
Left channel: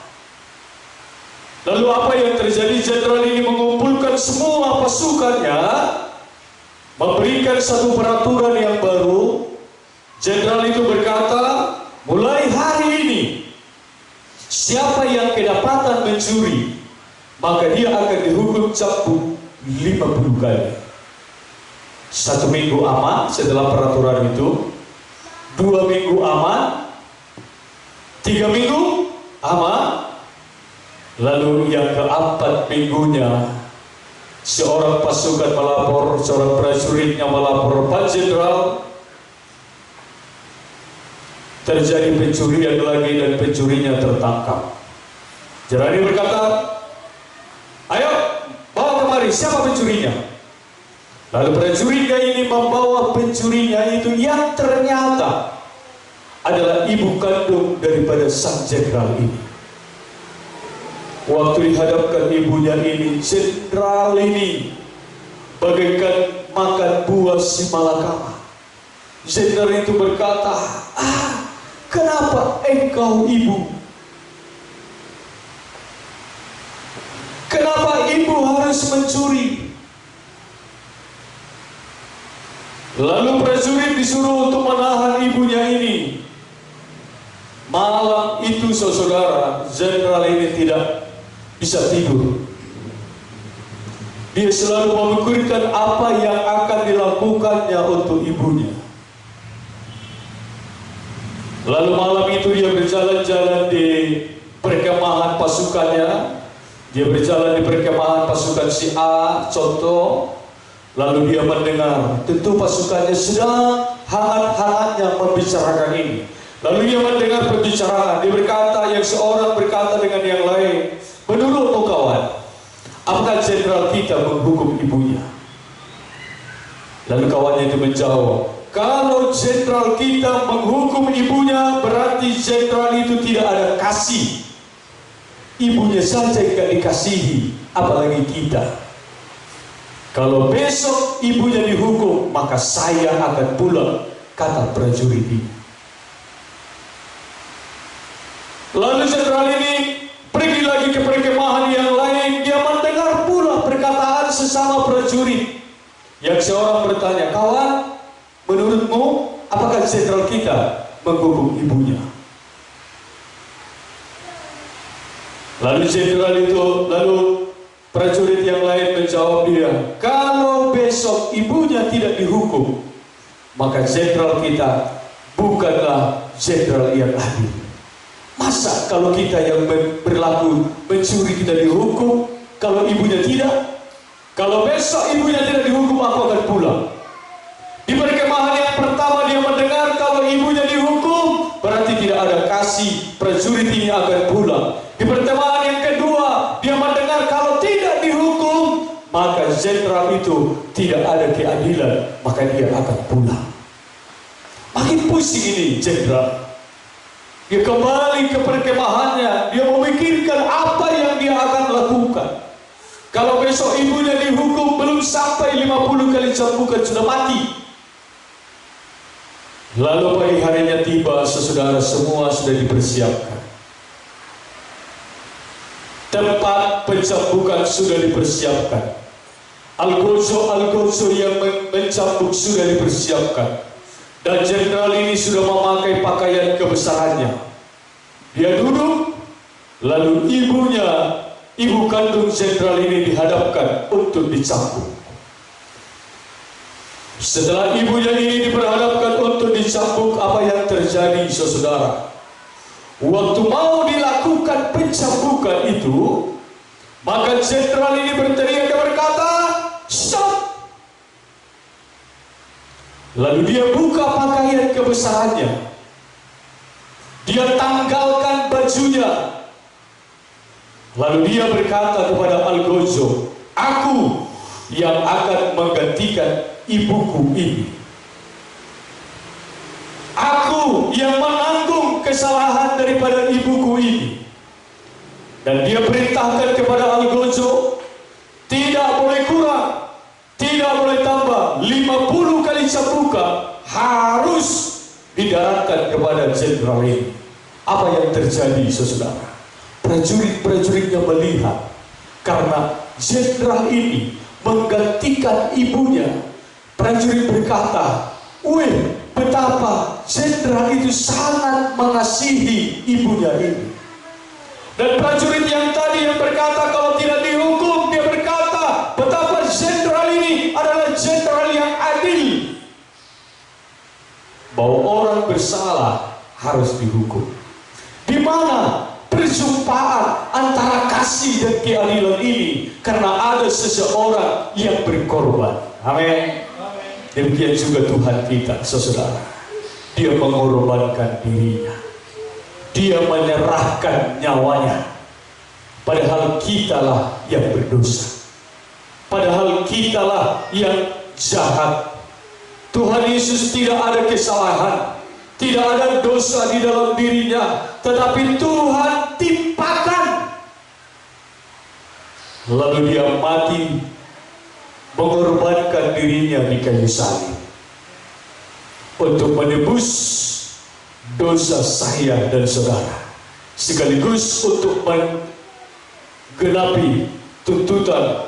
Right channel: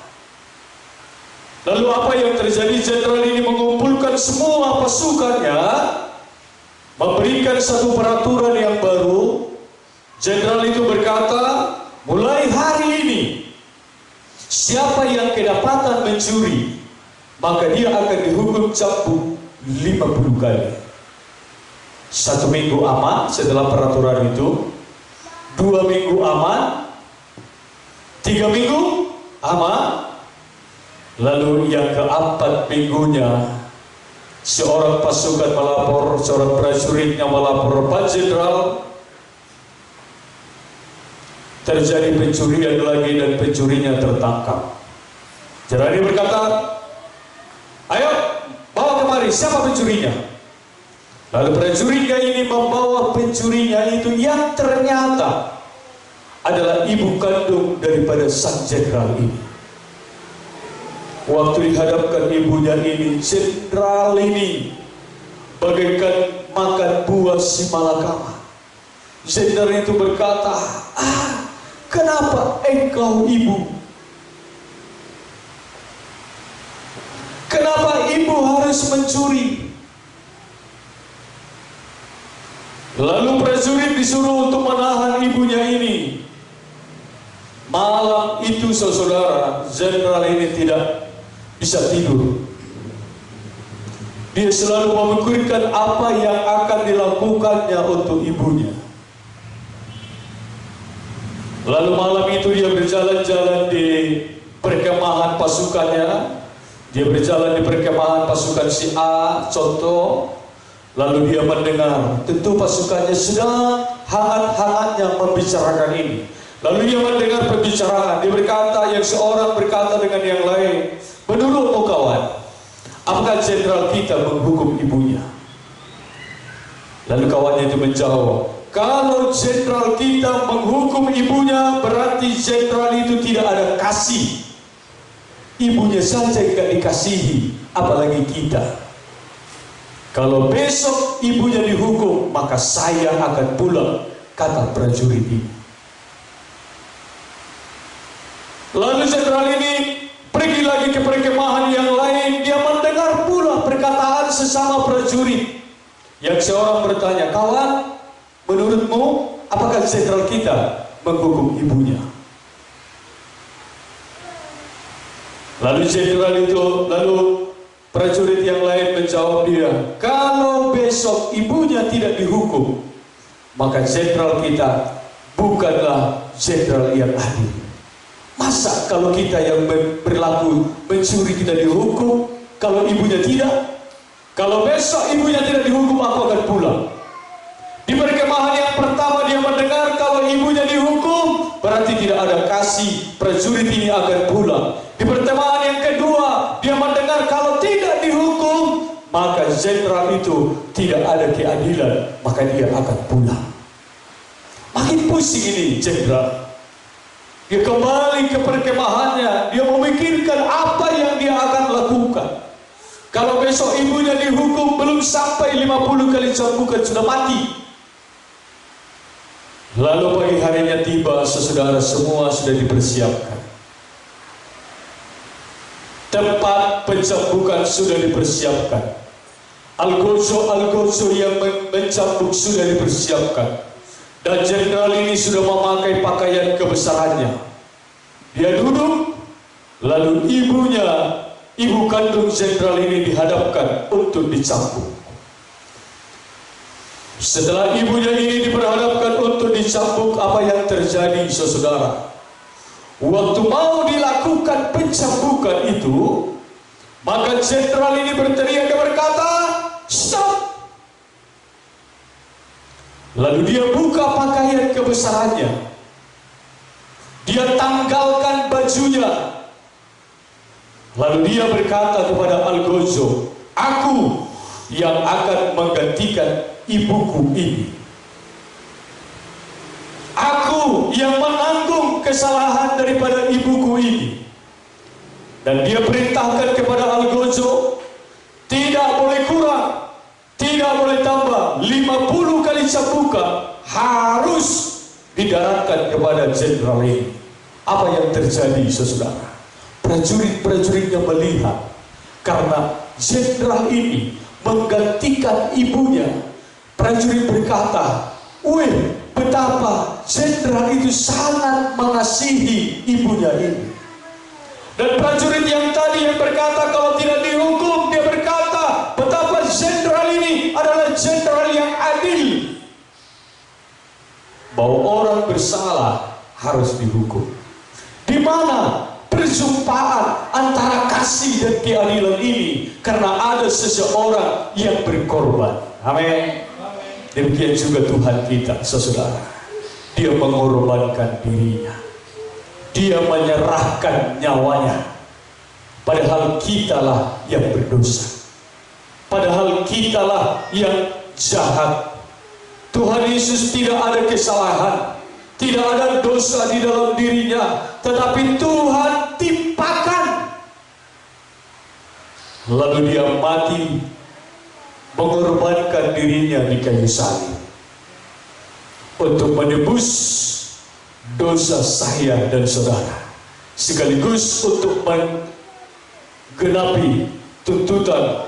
Lalu apa yang terjadi? Jenderal ini mengumpulkan semua pasukannya, memberikan satu peraturan yang baru. Jenderal itu berkata, mulai hari ini, siapa yang kedapatan mencuri, maka dia akan dihukum cambuk 50 kali. 1 minggu aman setelah peraturan itu, 2 minggu aman, 3 minggu aman. Lalu yang keempat minggunya, seorang pasukan melapor, seorang prajuritnya melapor, "Pak Jenderal, terjadi pencurian lagi dan pencurinya tertangkap." Jenderal ini berkata, "Ayo, bawa kemari, siapa pencurinya?" Lalu prajuritnya ini membawa pencurinya itu yang ternyata adalah ibu kandung daripada sang jenderal ini. Waktu dihadapkan ibunya ini, jenderal ini bagaikan makan buah si malakama. Jenderal itu berkata, "Kenapa engkau ibu? Kenapa ibu harus mencuri?" Lalu prajurit disuruh untuk menahan ibunya ini. Malam itu, saudara, jenderal ini tidak bisa tidur. Dia selalu memikirkan apa yang akan dilakukannya untuk ibunya. Lalu malam itu dia berjalan-jalan di perkemahan pasukannya. Dia berjalan di perkemahan pasukan si A, contoh. Lalu dia mendengar, tentu pasukannya sedang hangat-hangatnya membicarakan ini. Lalu dia mendengar pembicaraan. Dia berkata, yang seorang berkata dengan yang lain, "Menurutmu kawan, apakah jenderal kita menghukum ibunya?" Lalu kawannya itu menjawab, "Kalau jenderal kita menghukum ibunya, berarti jenderal itu tidak ada kasih. Ibunya saja tidak dikasihi, apalagi kita. Kalau besok ibunya dihukum, maka saya akan pulang," kata prajurit ini. Lalu jenderal ini pergi lagi ke perkemahan yang lain. Dia mendengar pula perkataan sesama prajurit. Yang seorang bertanya, "Kawan, menurutmu apakah jenderal kita menghukum ibunya?" Lalu prajurit yang lain menjawab dia, "Kalau besok ibunya tidak dihukum, maka jenderal kita bukanlah jenderal yang adil. Masa kalau kita yang berlaku mencuri kita dihukum, kalau ibunya tidak?" Kalau besok ibunya tidak dihukum, aku akan pulang. Di perkemahan yang pertama dia mendengar kalau ibunya dihukum, berarti tidak ada kasih, prajurit ini akan pulang. Di perkemahan yang kedua dia mendengar kalau tidak dihukum, maka jenderal itu tidak ada keadilan, maka dia akan pulang. Makin pusing ini jenderal. Dia kembali ke perkemahannya, dia memikirkan apa yang dia akan lakukan. Kalau besok ibunya dihukum belum sampai 50 kali cambukan sudah mati. Lalu pagi harinya tiba, saudara, semua sudah dipersiapkan. Tempat pencambukan sudah dipersiapkan. Algojo yang mencambuk sudah dipersiapkan. Dan jenderal ini sudah memakai pakaian kebesarannya. Dia duduk, lalu ibu kandung jenderal ini dihadapkan untuk dicambuk. Setelah ibunya ini diperhadapkan untuk dicambuk, apa yang terjadi, saudara? Waktu mau dilakukan pencambukan itu, maka jenderal ini berteriak dan berkata, "Stop!" Lalu dia buka pakaian kebesarannya. Dia tanggalkan bajunya. Lalu dia berkata kepada Algojo, "Aku yang akan menggantikan ibuku ini. Aku yang menanggung kesalahan daripada ibuku ini." Dan dia perintahkan kepada Algojo, tidak boleh kurang, tidak boleh tambah, 50 kali cambukan harus didaratkan kepada jenderal ini. Apa yang terjadi, saudara? Prajurit-prajuritnya melihat karena jenderal ini menggantikan ibunya. Prajurit berkata, "Wih, betapa jenderal itu sangat mengasihi ibunya ini." Dan prajurit yang tadi yang berkata kalau tidak dihukum, dia berkata betapa jenderal ini adalah jenderal yang adil, bahwa orang bersalah harus dihukum. Di mana perjumpaan antara kasih dan keadilan ini? Karena ada seseorang yang berkorban. Amin. Demikian juga Tuhan kita, saudara. Dia mengorbankan dirinya. Dia menyerahkan nyawanya. Padahal kitalah yang berdosa. Padahal kitalah yang jahat. Tuhan Yesus tidak ada kesalahan, tidak ada dosa di dalam dirinya, tetapi Tuhan timpakan. Lalu dia mati, mengorbankan dirinya di kayu salib untuk menebus dosa saya dan saudara, sekaligus untuk menggenapi tuntutan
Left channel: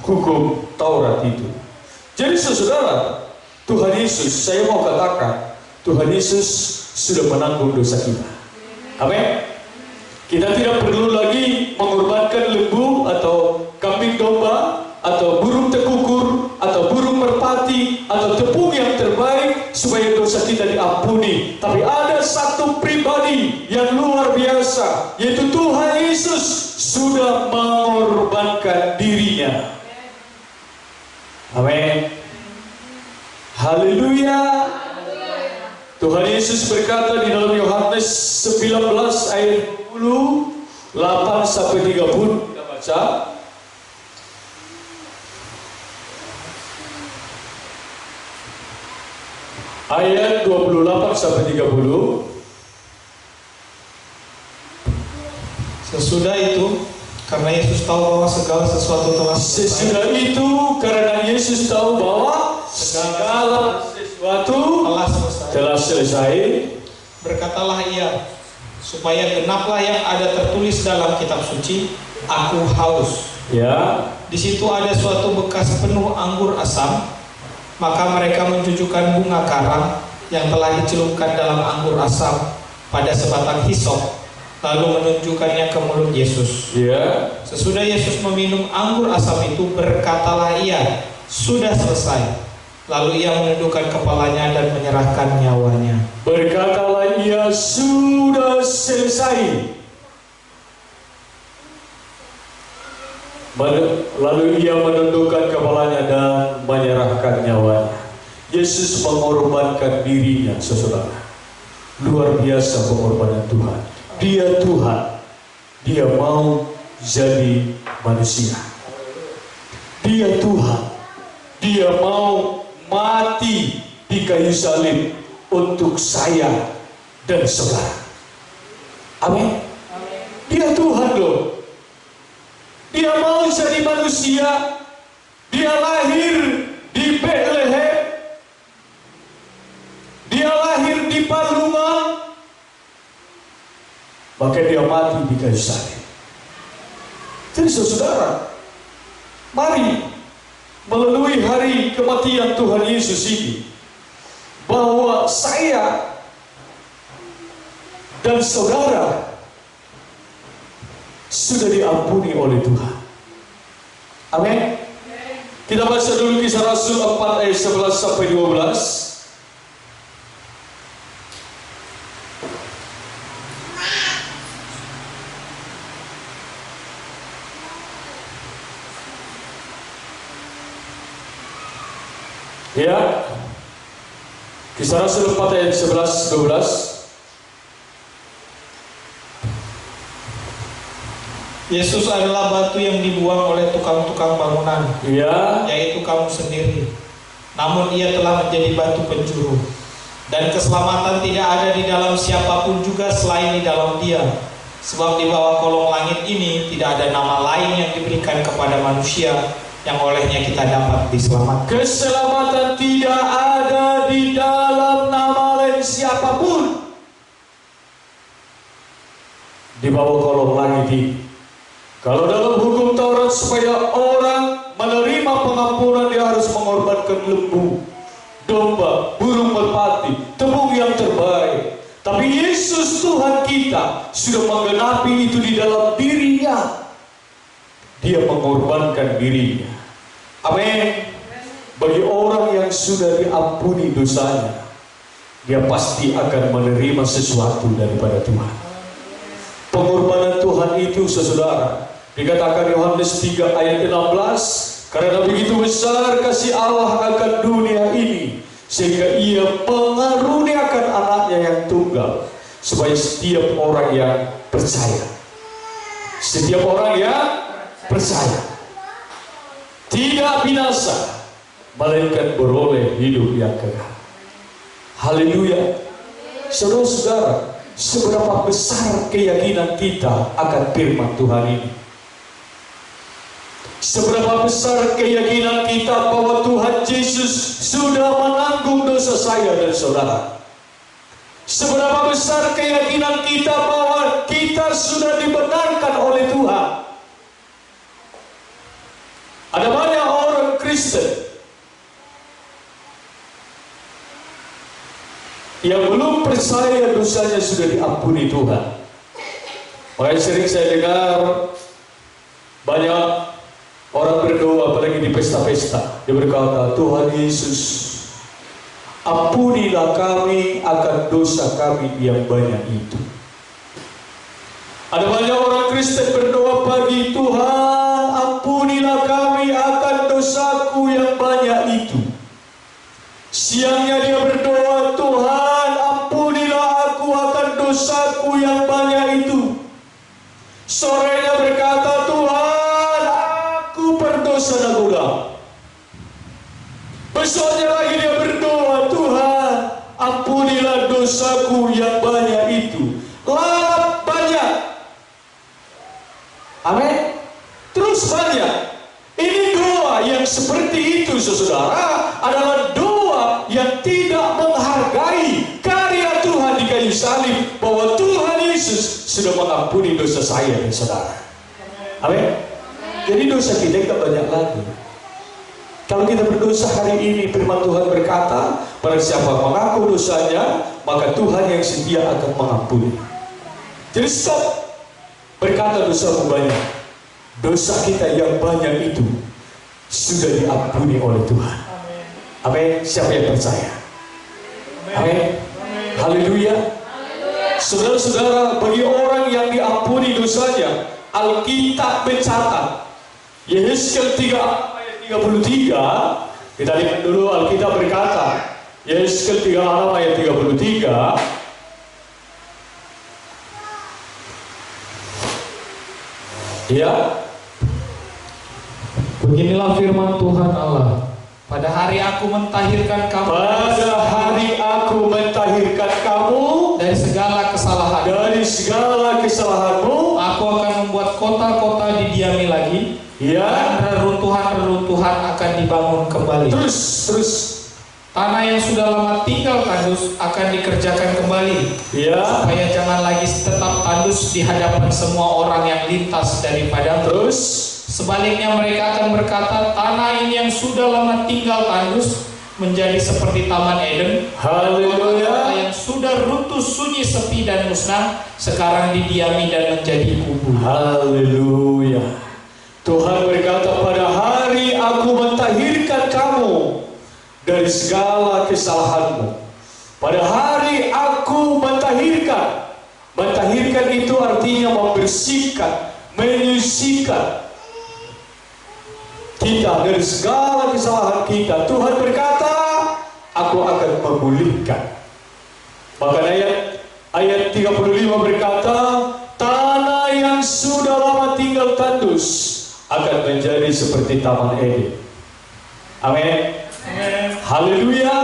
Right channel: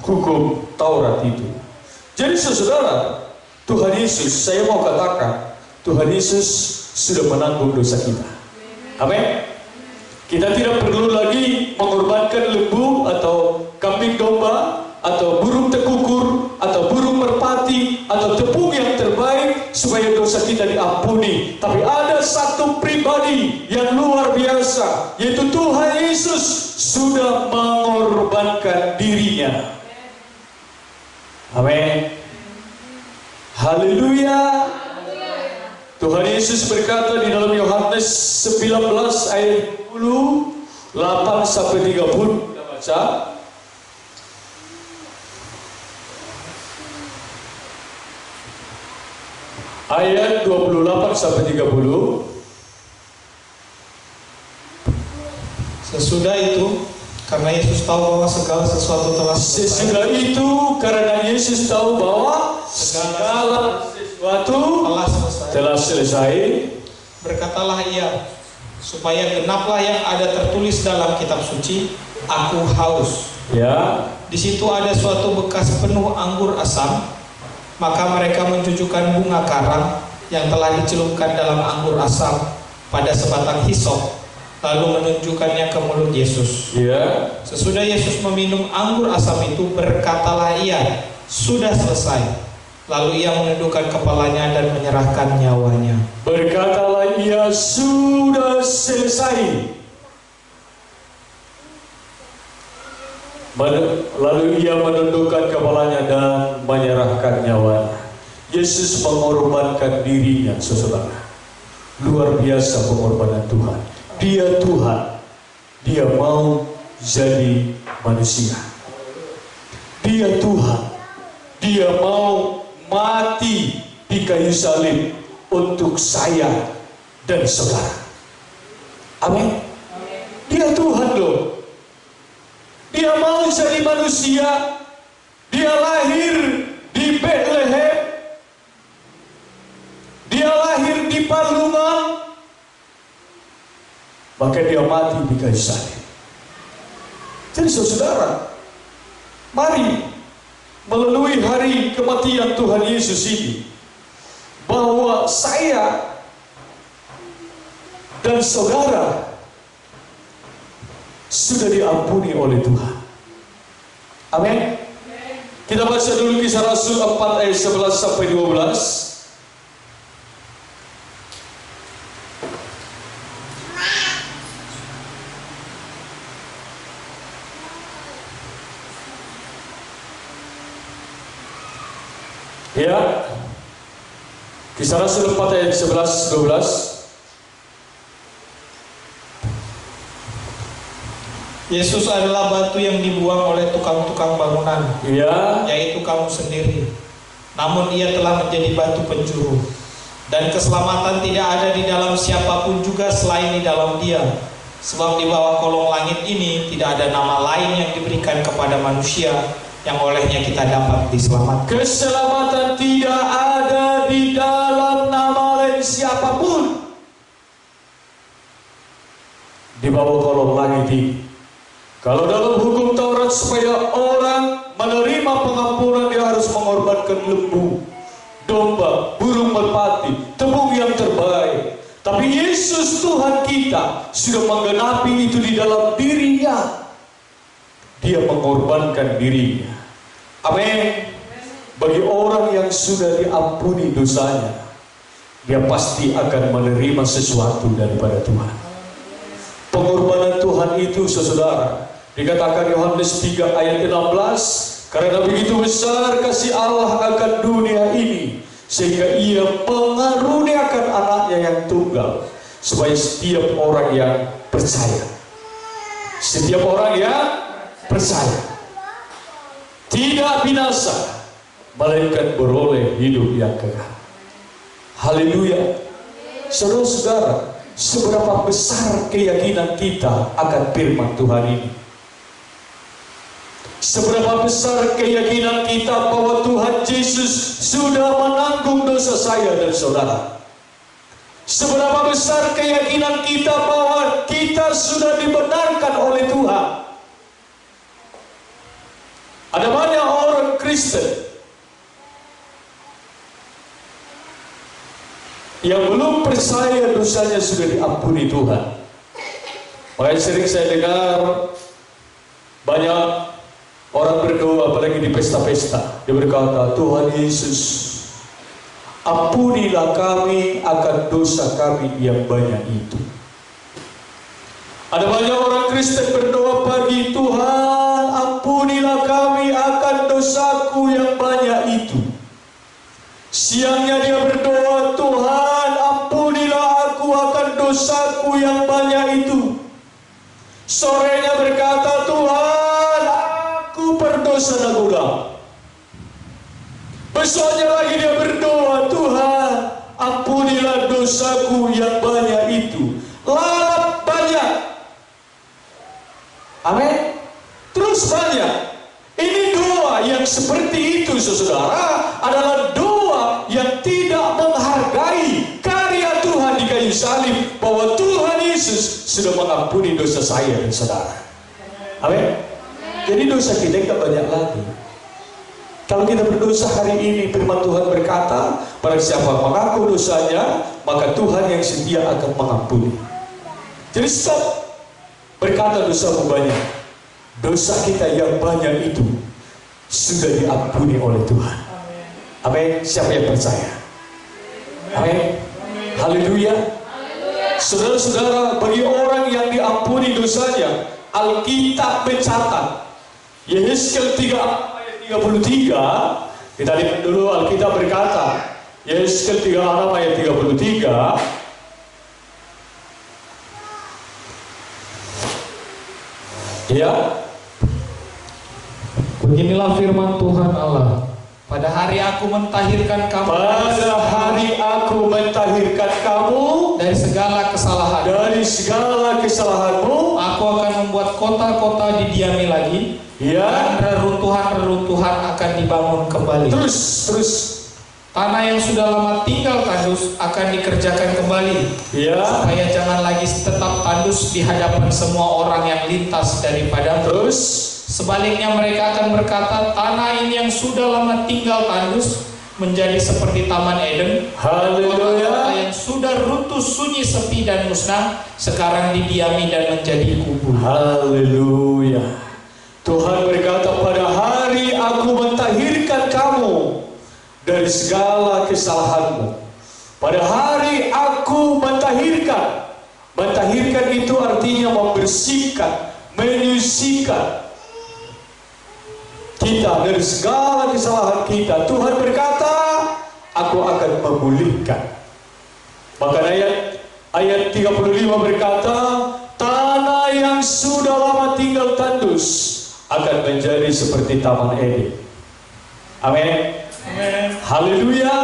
hukum Taurat itu. Jadi saudara, Tuhan Yesus, saya mau katakan, Tuhan Yesus sudah menanggung dosa kita. Amin. Kita tidak perlu lagi mengorbankan lembu atau kambing domba atau burung tekukur atau burung merpati atau tepung yang terbaik supaya dosa kita diampuni. Tapi ada satu pribadi yang luar biasa, yaitu Tuhan Yesus sudah mengorbankan dirinya. Amin. Haleluya. Tuhan Yesus berkata di dalam Yohanes 19 ayat 28 sampai 30, kita baca. Ayat 28 sampai 30. Sesudah itu, karena Yesus tahu bahwa segala sesuatu telah selesai. Sesudah itu, karena Yesus tahu bahwa segala sesuatu telah selesai, berkatalah ia, supaya genaplah yang ada tertulis dalam kitab suci, "Aku haus." ya. Di situ ada suatu bekas penuh anggur asam. Maka mereka mencucukkan bunga karang yang telah dicelupkan dalam anggur asam pada sebatang hisop, lalu menunjukkannya ke mulut Yesus. Ya. Sesudah Yesus meminum anggur asam itu, berkatalah ia, "Sudah selesai." Lalu ia menundukkan kepalanya dan menyerahkan nyawanya. Berkatalah ia, "Sudah selesai." Lalu ia menundukkan kepalanya dan menyerahkan nyawanya. Yesus mengorbankan dirinya, saudara. Luar biasa pengorbanan Tuhan. Dia Tuhan. Dia mau jadi manusia. Dia Tuhan. Dia mau mati di kayu salib untuk saya dan saudara. Amin. Dia Tuhan loh. Dia mau jadi manusia. Dia lahir di Bethlehem. Dia lahir di Palungan. Maka dia mati di kayu salib. Jadi saudara, mari melalui hari kematian Tuhan Yesus ini, bahwa saya dan saudara sudah diampuni oleh Tuhan. Amin. Kita baca dulu Kisah Rasul 4 ayat 11 sampai 12. Ya, Kisah Rasul 4 ayat 11-12. Yesus adalah batu yang dibuang oleh tukang-tukang bangunan, Ya, yaitu kamu sendiri. Namun ia telah menjadi batu penjuru. Dan keselamatan tidak ada di dalam siapapun juga selain di dalam Dia. Sebab di bawah kolong langit ini tidak ada nama lain yang diberikan kepada manusia yang olehnya kita dapat diselamatkan. keselamatan tidak ada di dalam nama lain siapapun di bawah kolong langit ini. Kalau dalam hukum Taurat supaya orang menerima pengampunan, dia harus mengorbankan lembu, domba, burung merpati, tepung yang terbaik. Tapi Yesus Tuhan kita sudah menggenapi itu di dalam dirinya. Dia mengorbankan dirinya. Amin. Bagi orang yang sudah diampuni dosanya, dia pasti akan menerima sesuatu daripada Tuhan. Pengorbanan Tuhan itu, saudara, dikatakan Yohanes 3 ayat 16, karena begitu besar kasih Allah akan dunia ini, sehingga ia mengaruniakan anaknya yang tunggal, supaya setiap orang yang percaya, setiap orang yang percaya tidak binasa, melainkan beroleh hidup yang kekal. Haleluya. Saudara-saudara, seberapa besar keyakinan kita akan firman Tuhan ini? Seberapa besar keyakinan kita bahwa Tuhan Yesus sudah menanggung dosa saya dan saudara? Seberapa besar keyakinan kita bahwa kita sudah dibenarkan oleh Tuhan? Ada banyak orang Kristen yang belum percaya dosanya sudah diampuni Tuhan. Makanya sering saya dengar banyak orang berdoa, apalagi di pesta-pesta, dia berkata, Tuhan Yesus, ampunilah kami akan dosa kami yang banyak itu. Ada banyak orang Kristen berdoa pagi, Tuhan ampunilah kami akan dosaku yang banyak itu. Siangnya dia berdoa, Tuhan ampunilah aku akan dosaku yang banyak itu. Sorenya berkata, Tuhan aku berdosa dan ulang. Besoknya lagi dia berdoa, Tuhan ampunilah dosaku yang banyak itu. Lalap banyak. Amin. Terus banyak. Ini doa yang seperti itu, saudara, adalah doa yang tidak menghargai karya Tuhan di kayu salib, bahwa Tuhan Yesus sudah mengampuni dosa saya dan saudara. Amin. Jadi dosa kita tidak banyak lagi. Kalau kita berdosa hari ini, firman Tuhan berkata, barang siapa mengaku dosanya, maka Tuhan yang setia akan mengampuni. Jadi stop berkata dosamu banyak. Dosa kita yang banyak itu sudah diampuni oleh Tuhan. Amin. Siapa yang percaya? Amin. Haleluya. Saudara-saudara, bagi orang yang diampuni dosanya, Alkitab mencatat Yehezkiel 3 ayat 33. Kita lihat dulu Alkitab berkata, Yehezkiel 36 ayat 33. Ya. Beginilah firman Tuhan Allah. Pada hari aku mentahirkan kamu. Pada hari aku mentahirkan kamu dari segala kesalahan. Dari segala kesalahanmu. Aku akan membuat kota-kota didiami lagi. Ya. Dan reruntuhan-reruntuhan akan dibangun kembali. Terus. Tanah yang sudah lama tinggal tandus akan dikerjakan kembali. Ya. Supaya jangan lagi tetap tandus di hadapan semua orang yang lintas daripada. Terus. Sebaliknya mereka akan berkata, tanah ini yang sudah lama tinggal tandus menjadi seperti Taman Eden. Haleluya. Yang sudah runtuh, sunyi, sepi dan musnah sekarang didiami dan menjadi kubu. Haleluya. Tuhan berkata, pada hari aku mentahirkan kamu dari segala kesalahanmu. Pada hari aku mentahirkan. Mentahirkan itu artinya membersihkan, menyucikan kita dari segala kesalahan kita. Tuhan berkata, aku akan memulihkan. Maka ayat 35 berkata, tanah yang sudah lama tinggal tandus akan menjadi seperti Taman Eden. Amin. Haleluya.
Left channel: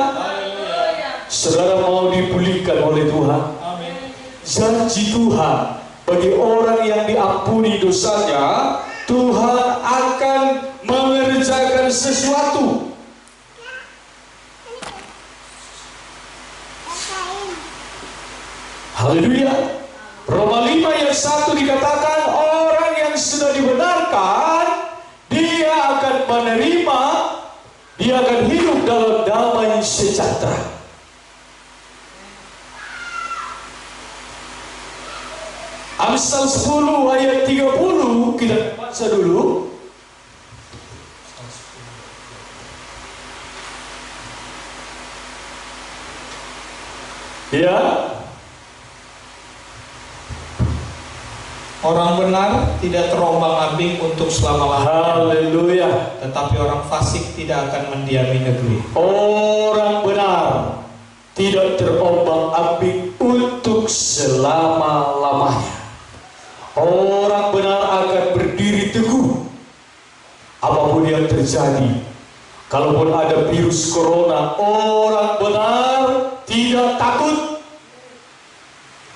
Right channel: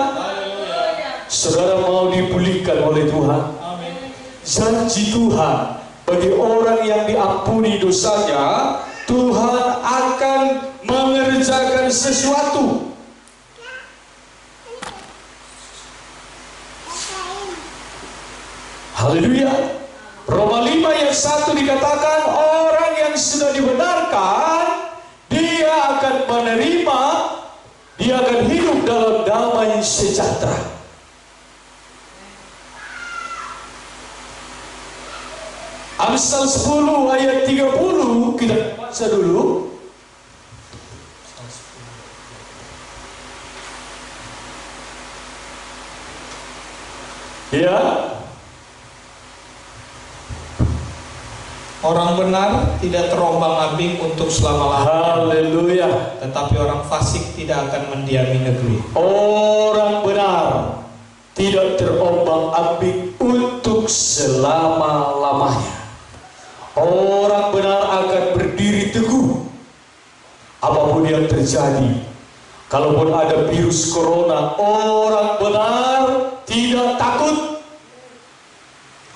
Saudara mau dipulihkan oleh Tuhan. Janji Tuhan bagi orang yang diampuni dosanya, Tuhan akan mengerjakan sesuatu. Haleluya. Roma 5 ayat 1 dikatakan, orang yang sudah dibenarkan, dia akan menerima, dia akan hidup dalam damai sejahtera. Amsal 10 ayat 30 kita baca dulu. Ya. Orang benar tidak terombang-ambing untuk selama-lamanya. Haleluya. Tetapi orang fasik tidak akan mendiami negeri. Orang benar tidak terombang-ambing untuk selama-lamanya. Orang benar akan berdiri teguh apapun yang terjadi. Kalaupun ada virus corona, orang benar tidak takut.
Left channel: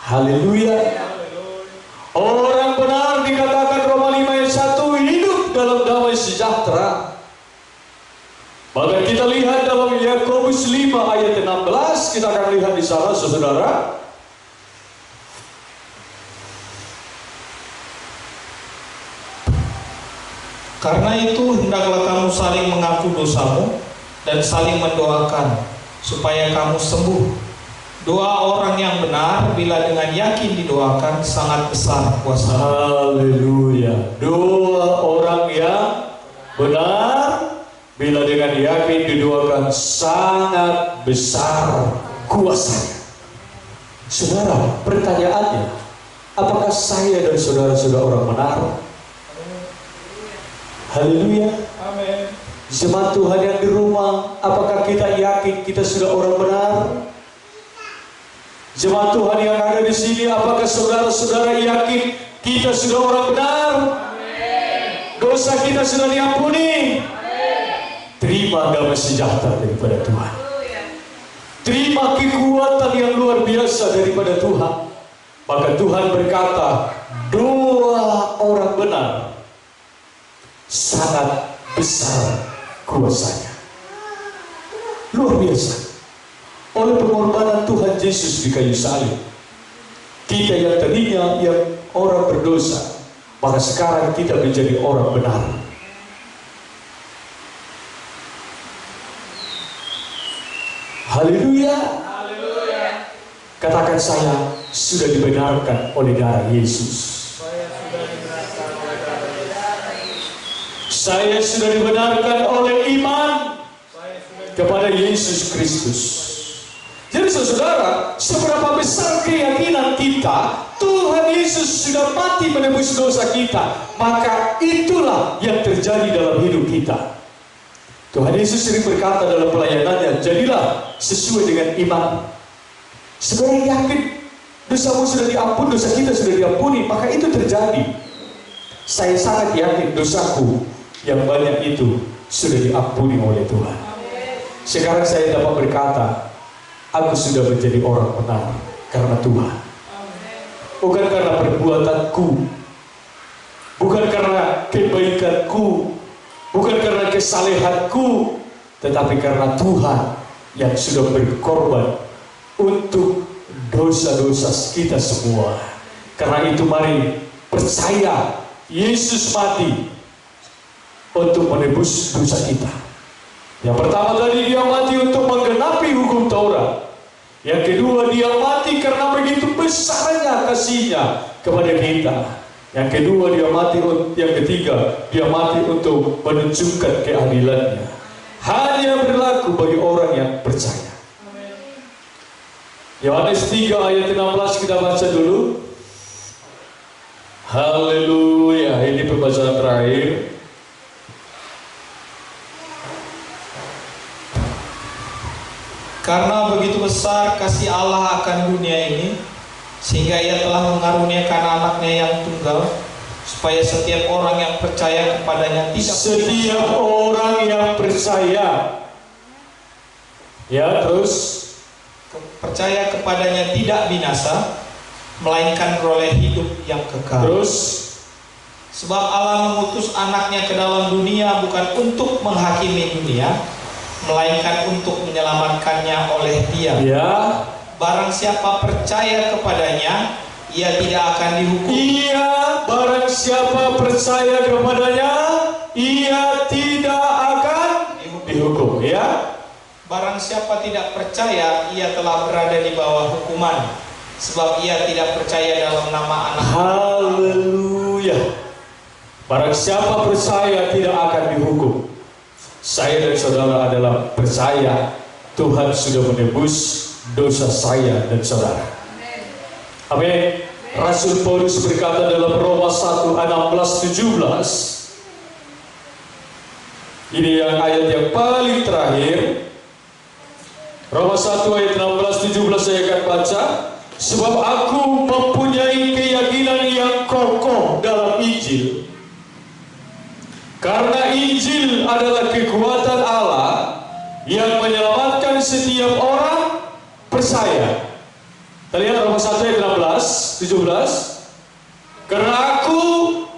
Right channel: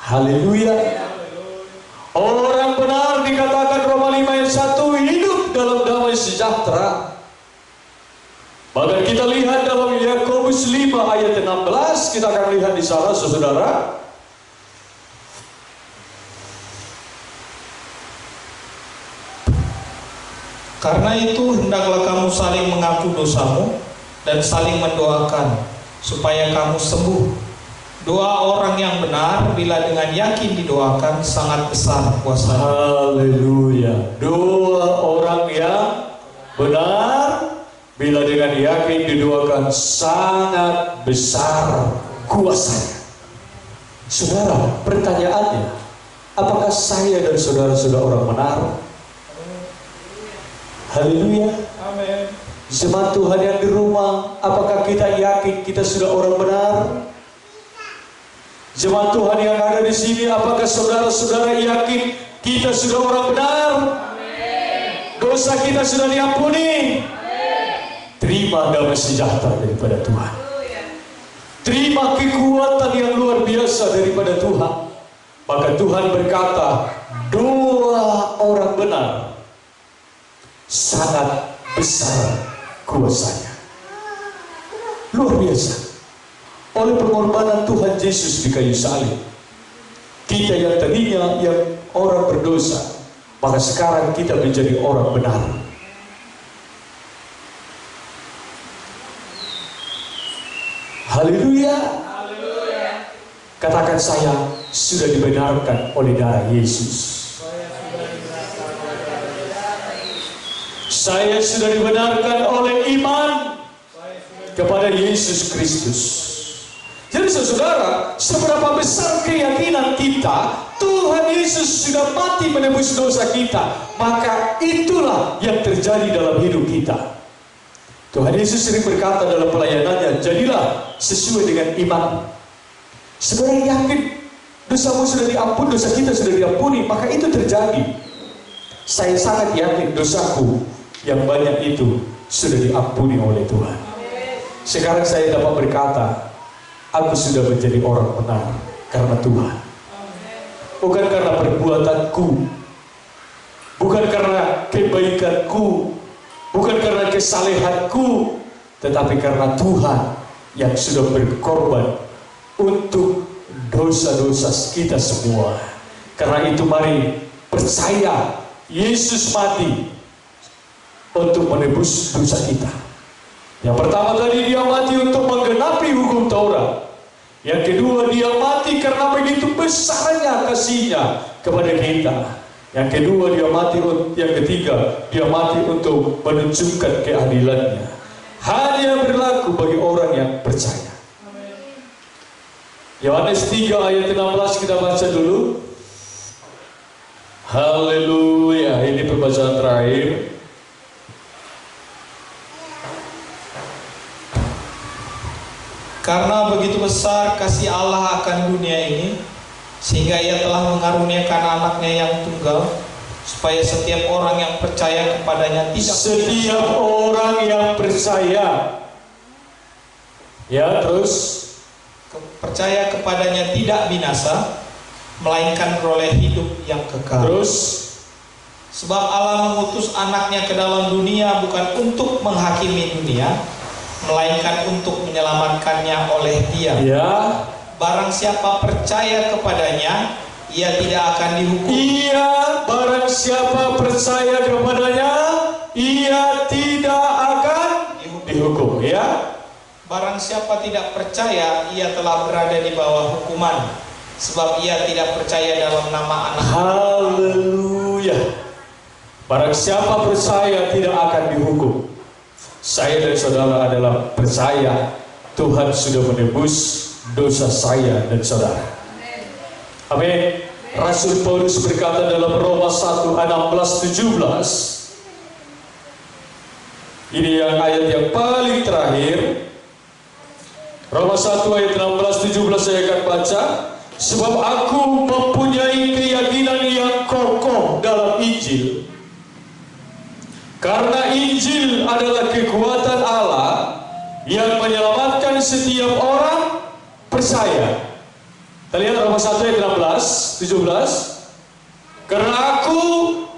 Haleluya. Orang benar dikatakan Roma 5 ayat 1 hidup dalam damai sejahtera. Bahkan kita lihat dalam Yakobus 5 ayat 16, kita akan lihat di sana saudara. Karena itu hendaklah kamu saling mengaku dosamu dan saling mendoakan supaya kamu sembuh. Doa orang yang benar bila dengan yakin didoakan sangat besar kuasanya. Haleluya. Doa orang yang benar bila dengan yakin didoakan sangat besar kuasanya. Saudara, pertanyaannya, apakah saya dan saudara sudah orang benar? Haleluya. Amin. Jemaat Tuhan yang di rumah, apakah kita yakin kita sudah orang benar? Jemaat Tuhan yang ada di sini, apakah saudara-saudara yakin kita sudah orang benar? Amin. Dosa kita sudah diampuni? Amin. Terima damai sejahtera daripada Tuhan. Terima kekuatan yang luar biasa daripada Tuhan. Maka Tuhan berkata, doa orang benar sangat besar kuasanya. Luar biasa. Oleh pengorbanan Tuhan Yesus di kayu salib, kita yang tadinya yang orang berdosa, maka sekarang kita menjadi orang benar. Haleluya. Katakan, saya sudah dibenarkan oleh darah Yesus. Saya sudah dibenarkan oleh iman kepada Yesus Kristus. Jadi saudara, seberapa besar keyakinan kita, Tuhan Yesus sudah mati menebus dosa kita, maka itulah yang terjadi dalam hidup kita. Tuhan Yesus sering berkata dalam pelayanannya, jadilah sesuai dengan iman. Saudara yakin dosamu sudah diampuni, dosa kita sudah diampuni, maka itu terjadi. Saya sangat yakin dosaku yang banyak itu sudah diampuni oleh Tuhan. Sekarang saya dapat berkata, aku sudah menjadi orang benar karena Tuhan. Bukan karena perbuatanku, bukan karena kebaikanku, bukan karena kesalehanku, tetapi karena Tuhan yang sudah berkorban untuk dosa-dosa kita semua. Karena itu mari percaya Yesus mati untuk menebus dosa kita. Yang pertama tadi, dia mati untuk menggenapi hukum Taurat. Yang kedua, dia mati karena begitu besarnya kasihnya kepada kita. Yang kedua, dia mati. Yang ketiga, dia mati untuk menunjukkan keadilannya. Hanya berlaku bagi orang yang percaya. Yohanes 3 ayat 16 kita baca dulu. Haleluya, ini pembacaan terakhir. Karena begitu besar kasih Allah akan dunia ini, sehingga Ia telah mengaruniakan anaknya yang tunggal, supaya setiap orang yang percaya kepadanya tidak orang yang percaya, ya terus percaya kepadanya tidak binasa, melainkan beroleh hidup yang kekal. Terus, sebab Allah mengutus anaknya ke dalam dunia bukan untuk menghakimi dunia, melainkan untuk menyelamatkannya oleh Dia. Ya. Barang siapa percaya kepadanya, ia tidak akan dihukum. Iya, barang siapa percaya kepadanya, ia tidak akan dihukum. Ya. Barang siapa tidak percaya, ia telah berada di bawah hukuman, sebab ia tidak percaya dalam nama anak. Haleluya. Barang siapa percaya tidak akan dihukum. Saya dan saudara adalah percaya Tuhan sudah menebus dosa saya dan saudara. Amin. Rasul Paulus berkata dalam Roma 1:16-17. Ini yang ayat yang paling terakhir. Roma 1 ayat 16-17 saya akan baca. Sebab aku mempunyai keyakinan yang kokoh dalam Injil. Karena Injil adalah kekuatan Allah yang menyelamatkan setiap orang percaya. Kita lihat Roma 1 ayat 16-17. Karena aku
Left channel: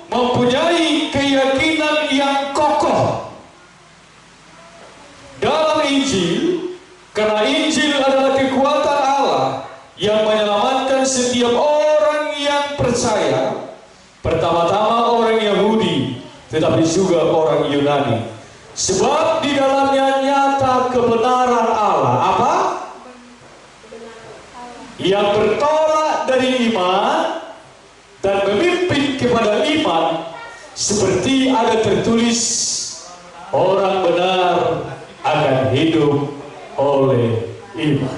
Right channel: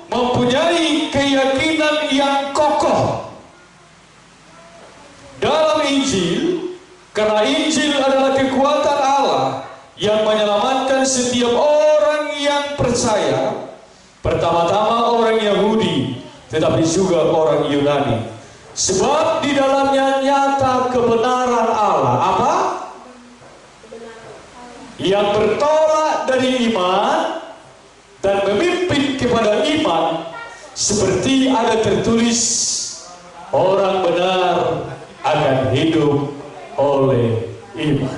mempunyai keyakinan yang kokoh dalam Injil. Karena Injil adalah kekuatan Allah yang menyelamatkan setiap orang yang percaya. Pertama-tama orang Yahudi, tetapi juga orang Yunani. Sebab di dalamnya nyata kebenaran Allah. Apa? Yang bertolak dari iman dan memimpin kepada iman, seperti ada tertulis, orang benar akan hidup oleh iman.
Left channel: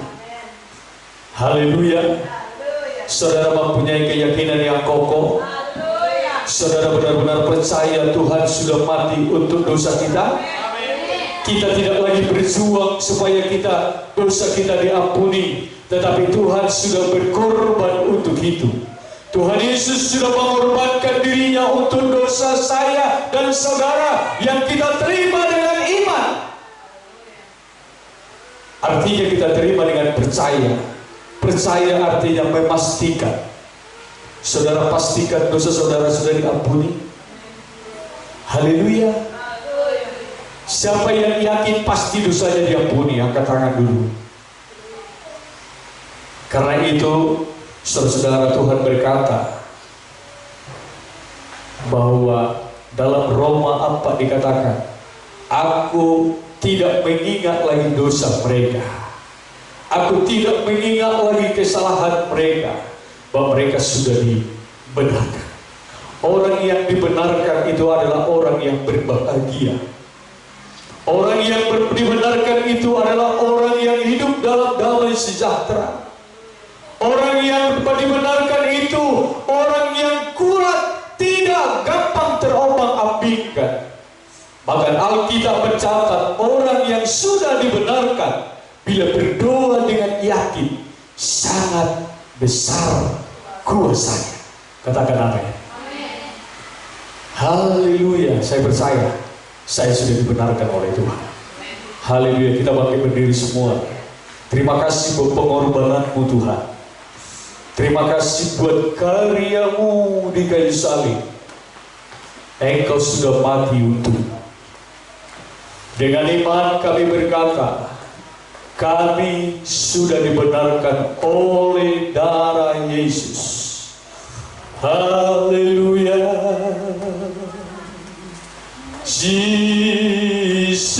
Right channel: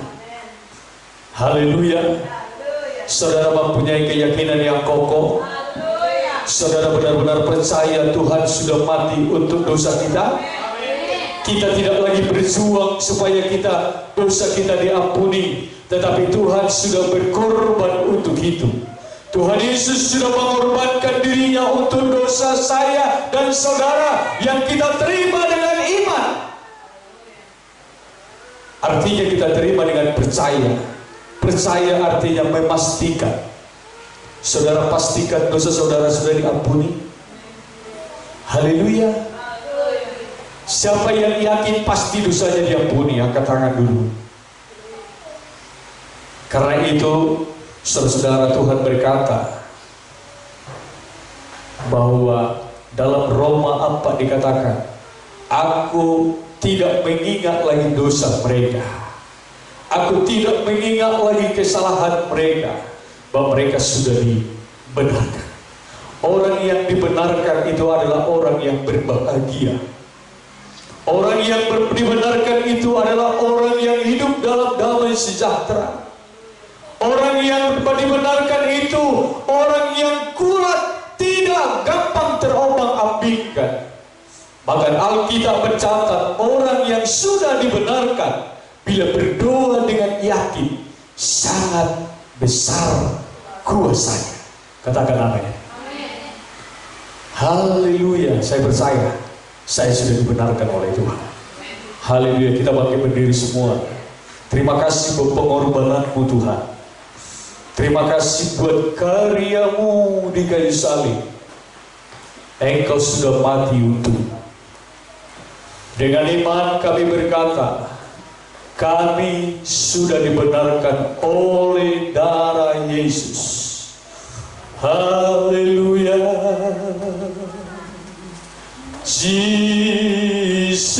Haleluya. Saudara mempunyai keyakinan yang kokoh. Saudara benar-benar percaya Tuhan sudah mati untuk dosa kita. Kita tidak lagi berjuang supaya dosa kita diampuni, tetapi Tuhan sudah berkorban untuk itu. Tuhan Yesus sudah mengorbankan dirinya untuk dosa saya dan saudara yang kita terima dengan iman. Artinya kita terima dengan percaya. Percaya artinya memastikan. Saudara pastikan dosa saudara sudah diampuni. Haleluya. Siapa yang yakin pasti dosanya diampuni, angkat tangan dulu. Karena itu, saudara-saudara, Tuhan berkata bahwa dalam Roma apa dikatakan, aku tidak mengingat lagi dosa mereka. Aku tidak mengingat lagi kesalahan mereka. Bahwa mereka sudah dibenarkan. Orang yang dibenarkan itu adalah orang yang berbahagia. Orang yang dibenarkan itu adalah orang yang hidup dalam damai sejahtera. Orang yang dibenarkan itu orang dibandingkan. Bahkan Alkitab mencatat orang yang sudah dibenarkan bila berdoa dengan yakin sangat besar kuasanya. Katakan amin. Haleluya, saya percaya saya sudah dibenarkan oleh Tuhan. Haleluya, kita bangkit berdiri semua. Terima kasih buat pengorbananmu Tuhan. Terima kasih buat karyamu di kayu salib. Engkau sudah mati untuk. Dengan iman kami berkata, kami sudah dibenarkan oleh darah Yesus. Haleluya. Jesus.